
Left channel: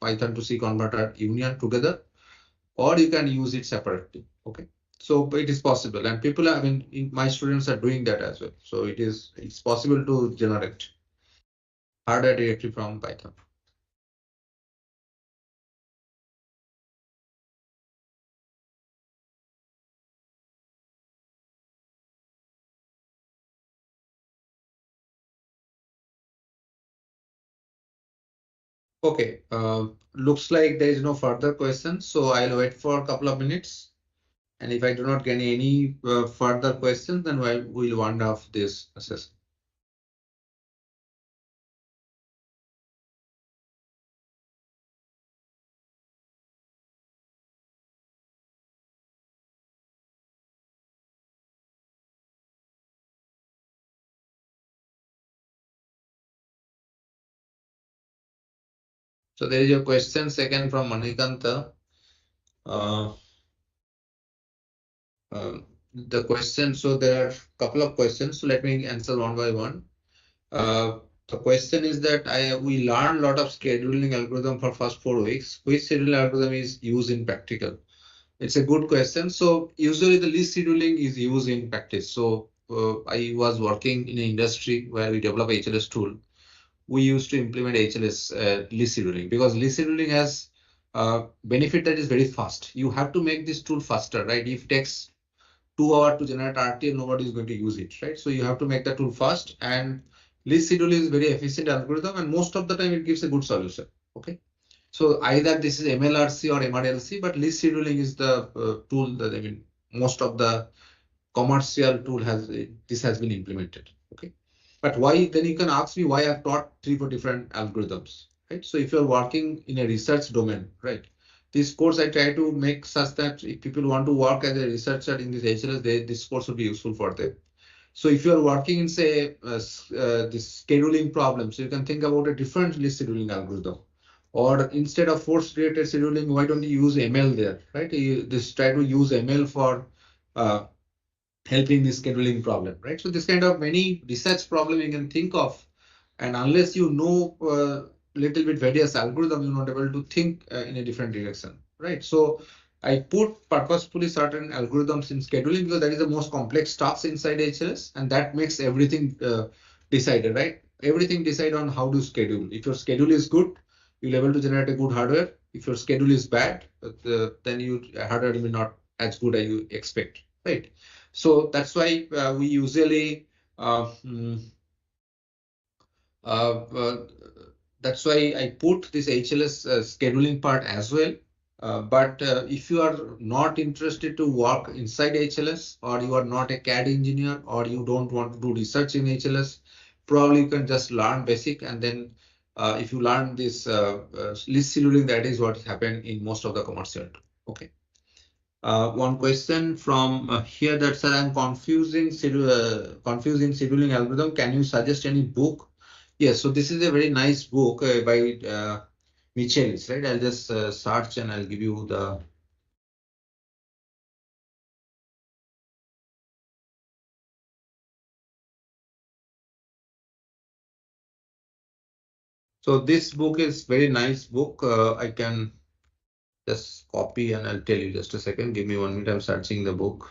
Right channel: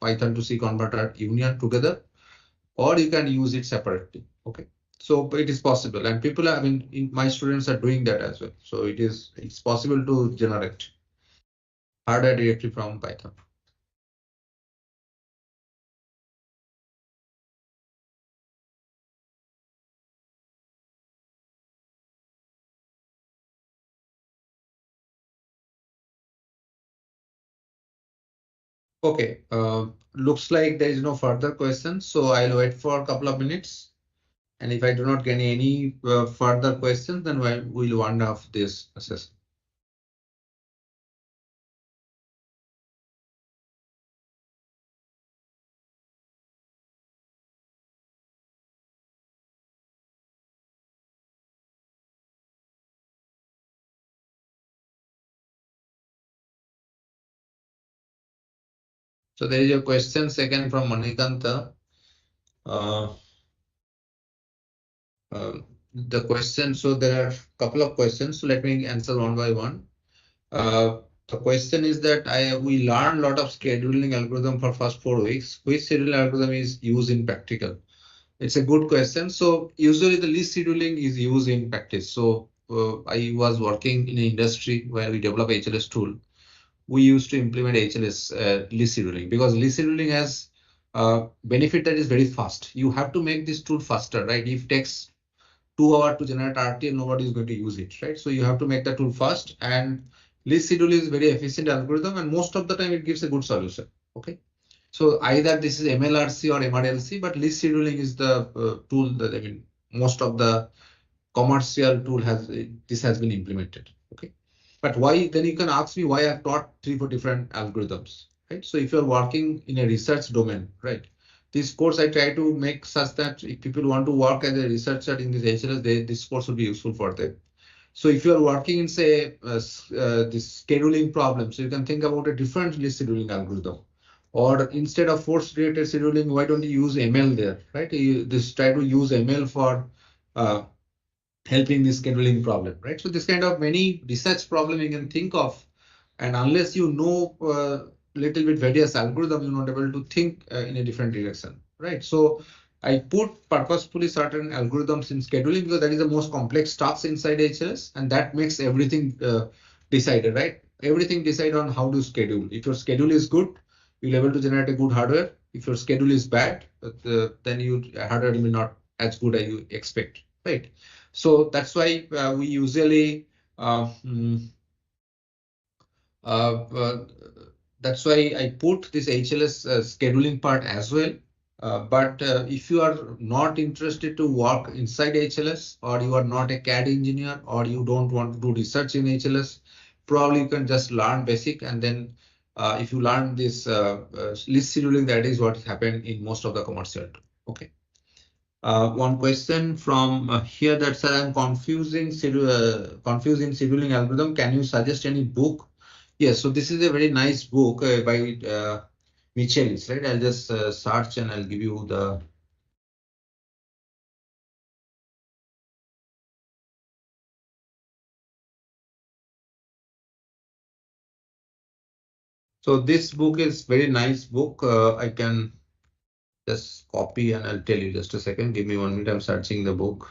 Python to C converter union together, or you can use it separately. Okay. So it is possible, and people are, I mean, my students are doing that as well. So it's possible to generate hardware directly from Python. Okay, looks like there is no further questions, so I'll wait for a couple of minutes. And if I do not get any further questions, then we'll wind off this session. So there is a question second from Manikanta. Uh, the question, so there are a couple of questions. So let me answer one by one. The question is that we learned a lot of scheduling algorithm for first 4 weeks. Which scheduling algorithm is used in practical? It's a good question. So usually the list scheduling is used in practice. So I was working in an industry where we develop HLS tool. We used to implement HLS list scheduling because list scheduling has benefit that is very fast. You have to make this tool faster, right? If it takes 2 hours to generate RTL, nobody is going to use it, right? So you have to make the tool fast, and list schedule is very efficient algorithm, and most of the time it gives a good solution. Okay. So either this is MLRC or MRLC, but list scheduling is the tool that, I mean, most of the commercial tool this has been implemented. Okay. But why, then you can ask me why I've taught 3 4 different algorithms, right? So if you're working in a research domain, right? This course I try to make such that if people want to work as a researcher in this HLS, this course will be useful for them. So if you're working in say this scheduling problem, so you can think about a different list scheduling algorithm. Or instead of force related scheduling, why don't you use ML there, right? You just try to use ML for helping this scheduling problem, right? So this kind of many research problem you can think of, and unless you know little bit various algorithm, you're not able to think in a different direction, right? So I put purposefully certain algorithms in scheduling because that is the most complex tasks inside HLS, and that makes everything decided, right? Everything decide on how to schedule. If your schedule is good, you'll be able to generate a good hardware. If your schedule is bad, then your hardware will be not as good as you expect, right? So that's why we usually uh, uh, that's why I put this HLS scheduling part as well. But if you are not interested to work inside HLS, or you are not a CAD engineer, or you don't want to do research in HLS, probably you can just learn basic, and then if you learn this list scheduling, that is what happened in most of the commercial. Okay. One question from here that said, I'm confusing scheduling algorithm. Can you suggest any book? Yes, so this is a very nice book by Michelis, right? I'll just search and I'll give you the. So this book is very nice book. I can just copy and I'll tell you. Just a second. Give me 1 minute. I'm searching the book.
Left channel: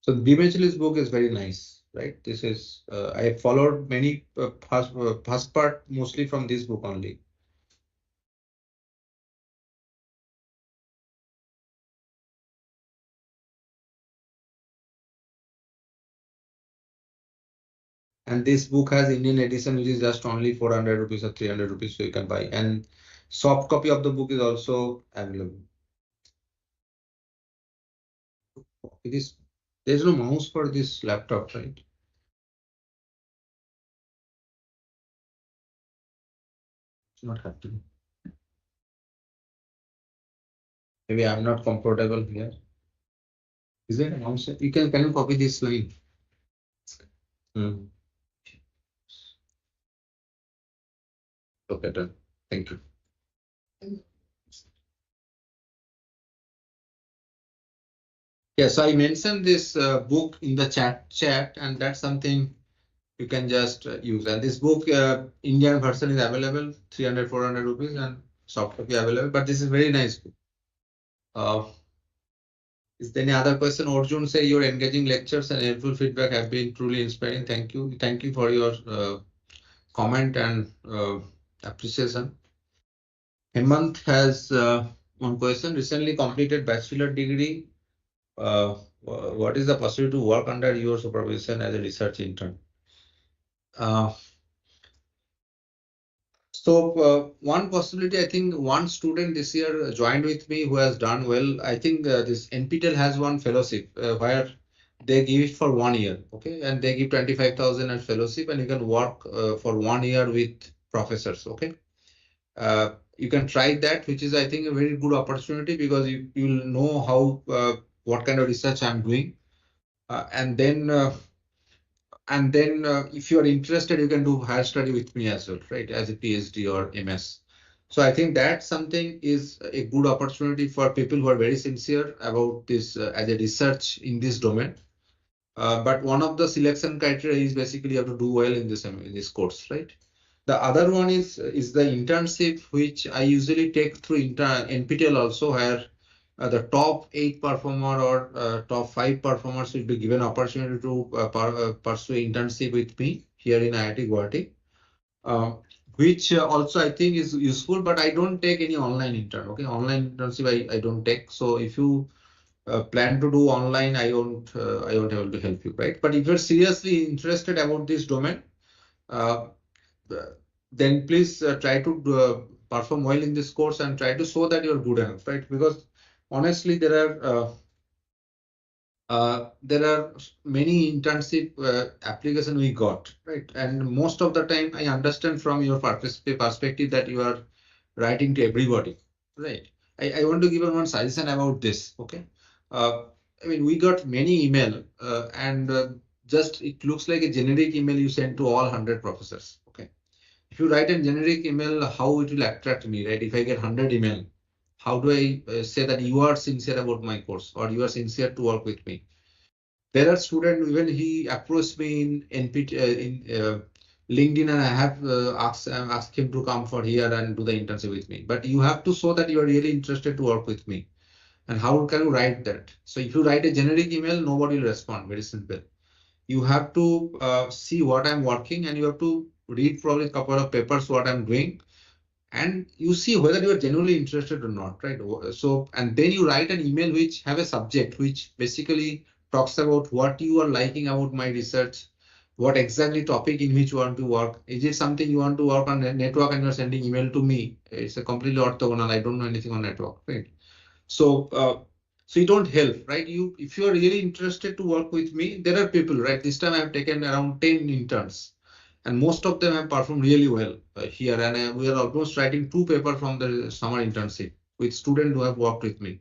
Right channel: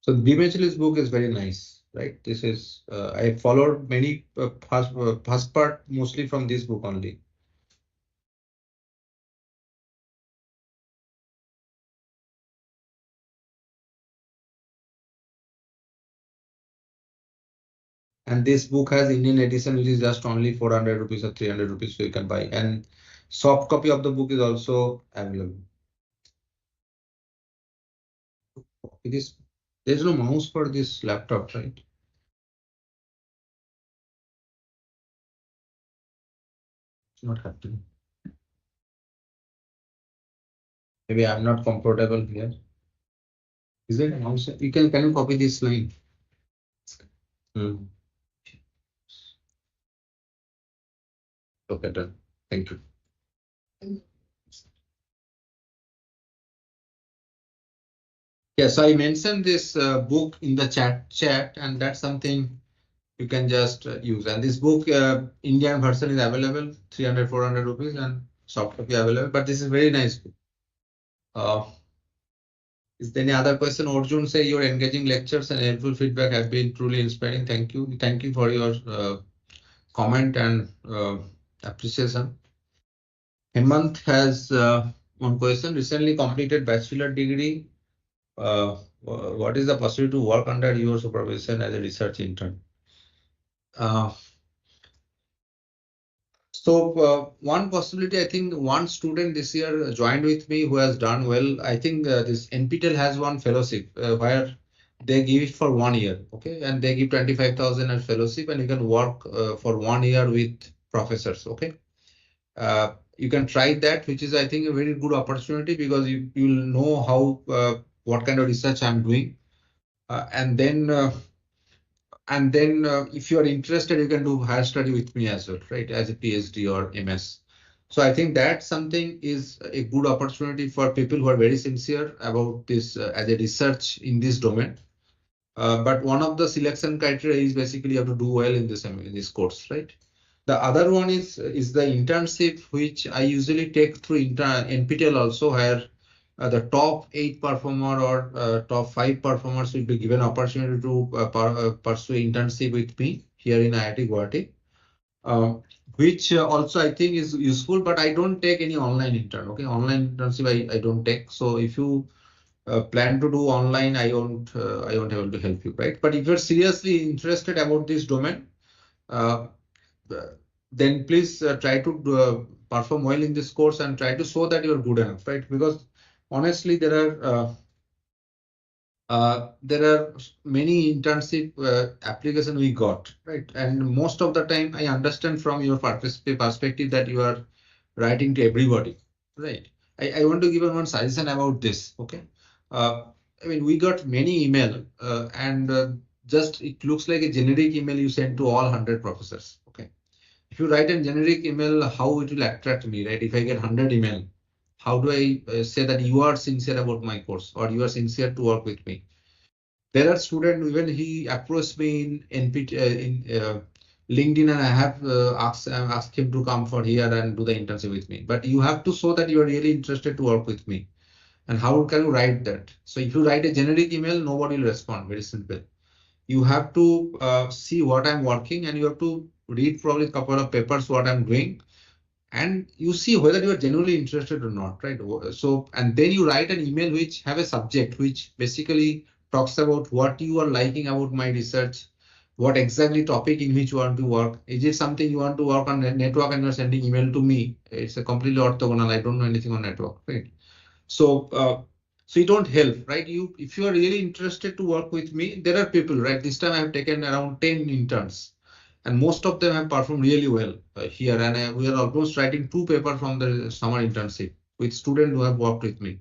So Dimechli's book is very nice, right? This is I followed many first part mostly from this book only. And this book has Indian edition, which is just only 400 rupees or 300 rupees, so you can buy. And soft copy of the book is also available. It is there's no mouse for this laptop, right? It's not happening. Maybe I'm not comfortable here. Is it a mouse? You can you copy this line? Hmm. Okay, done. Thank you. Yes, I mentioned this book in the chat, and that's something you can just use. And this book, Indian version is available, 300, 400 rupees, and soft copy available. But this is very nice book. Is there any other question? Arjun say your engaging lectures and helpful feedback have been truly inspiring. Thank you. Thank you for your comment and appreciation. Hemant has one question. Recently completed bachelor degree. What is the possibility to work under your supervision as a research intern? Uh, one possibility, I think one student this year joined with me who has done well. I think this NPTEL has one fellowship where they give it for 1 year, okay, and they give 25,000 as fellowship, and you can work for 1 year with professors, okay. You can try that, which is I think a very good opportunity because you'll know how what kind of research I'm doing, and then. If you are interested, you can do higher study with me as well, right? As a PhD or MS. So I think that something is a good opportunity for people who are very sincere about this as a research in this domain. But one of the selection criteria is basically you have to do well in this course, right? The other one is the internship, which I usually take through NPTEL also, where the top 8 performer or top 5 performers will be given opportunity to pursue internship with me here in IIT Guwahati, which also I think is useful, but I don't take any online intern. Okay, online internship I don't take. So if you plan to do online, I won't able to help you, right? But if you're seriously interested about this domain, uh, then please try to perform well in this course and try to show that you're good enough, right? Because honestly, there are many internship application we got, right? And most of the time, I understand from your perspective that you are writing to everybody, right? I want to give one suggestion about this, okay? I mean, we got many email and just it looks like a generic email you send to all 100 professors, okay? If you write a generic email, how it will attract me, right? If I get 100 email, how do I say that you are sincere about my course or you are sincere to work with me? There are students, even he approached me in NPT, LinkedIn, and I have asked him to come for here and do the internship with me. But you have to show that you are really interested to work with me. And how can you write that? So if you write a generic email, nobody will respond. Very simple. You have to see what I'm working, and you have to read probably a couple of papers what I'm doing, and you see whether you are genuinely interested or not, right? So, and then you write an email which have a subject which basically talks about what you are liking about my research, what exactly topic in which you want to work. Is it something you want to work on a network and you're sending email to me? It's a completely orthogonal. I don't know anything on network, right? So, so you don't help, right? If you are really interested to work with me, there are people, right? This time I have taken around 10 interns, and most of them have performed really well here. And we are almost writing 2 papers from the summer internship with students who have worked with me.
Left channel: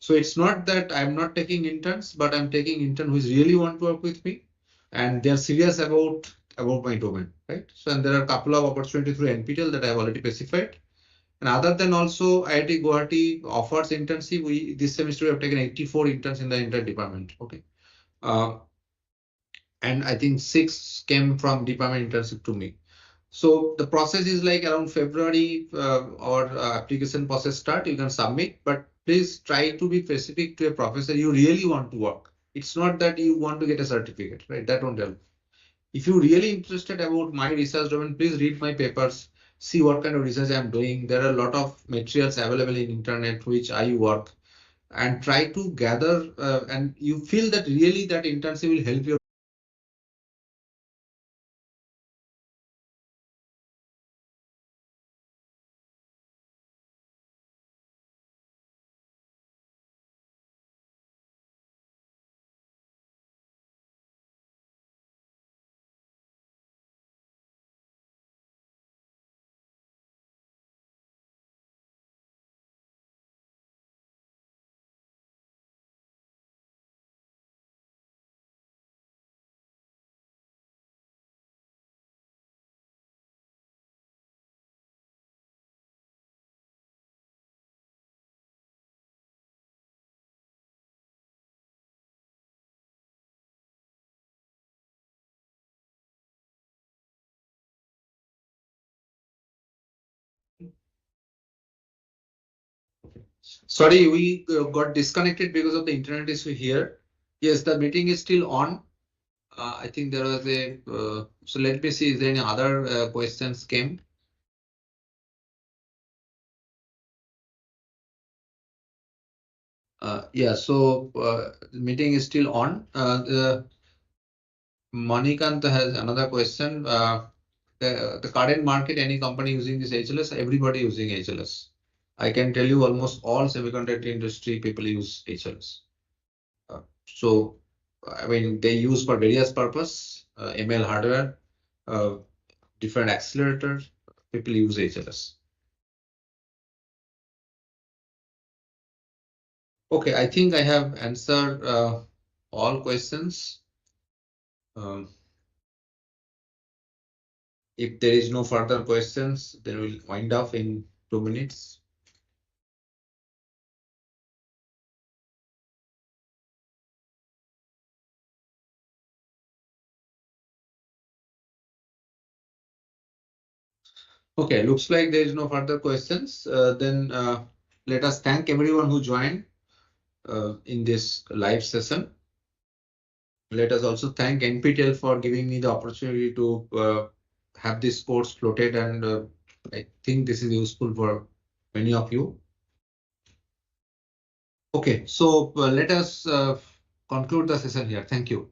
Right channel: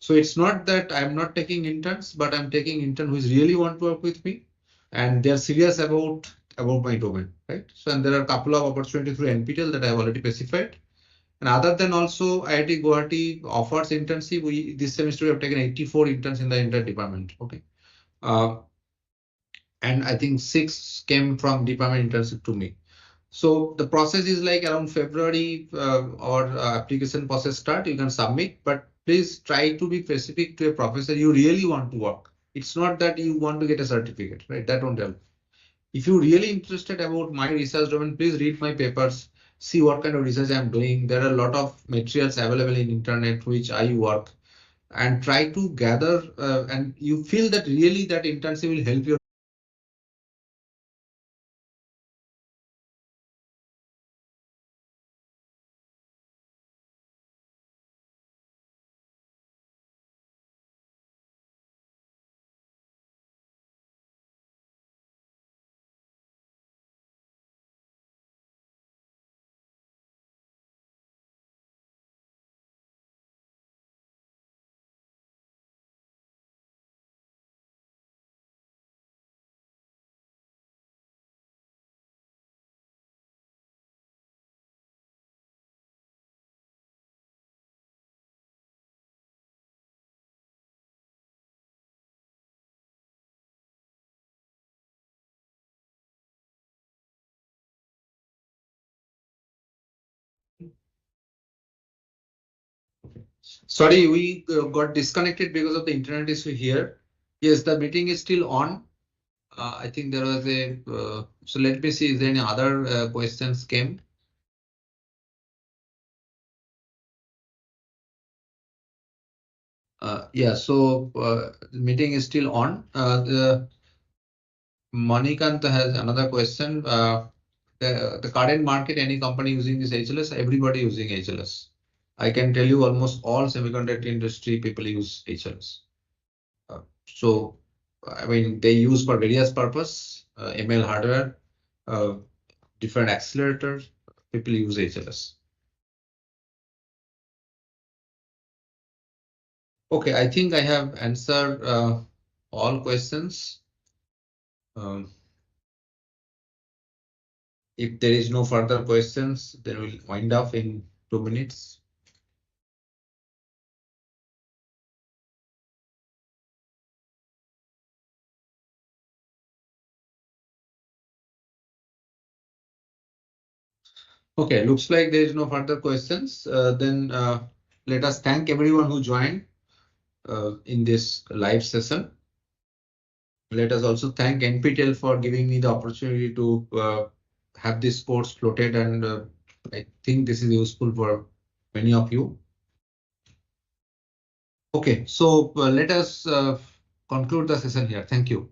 So it's not that I'm not taking interns, but I'm taking interns who really want to work with me, and they're serious about my domain, right? So, and there are a couple of opportunities through NPTEL that I have already specified. And other than also IIT Guwahati offers internship. This semester we have taken 84 interns in the entire department. Okay. And I think 6 came from department internship to me. So the process is like around February or application process start, you can submit, but please try to be specific to a professor you really want to work. It's not that you want to get a certificate, right? That won't help. If you're really interested about my research domain, please read my papers, see what kind of research I'm doing. There are a lot of materials available in internet which I work, and try to gather and you feel that really that internship will help you. Sorry, we got disconnected because of the internet issue here. Yes, the meeting is still on. I think there was a, so let me see, is there any other questions came? Yeah, so the meeting is still on. The Manikant has another question. The current market, any company using this HLS, everybody using HLS. I can tell you almost all semiconductor industry people use HLS. So, I mean, they use for various purpose, ML hardware, uh, different accelerators, people use HLS. Okay, I think I have answered all questions. Um, if there is no further questions, then we'll wind up in 2 minutes. Okay, looks like there is no further questions. Then let us thank everyone who joined in this live session. Let us also thank NPTEL for giving me the opportunity to have this course floated, and I think this is useful for many of you. Okay, so let us conclude the session here. Thank you.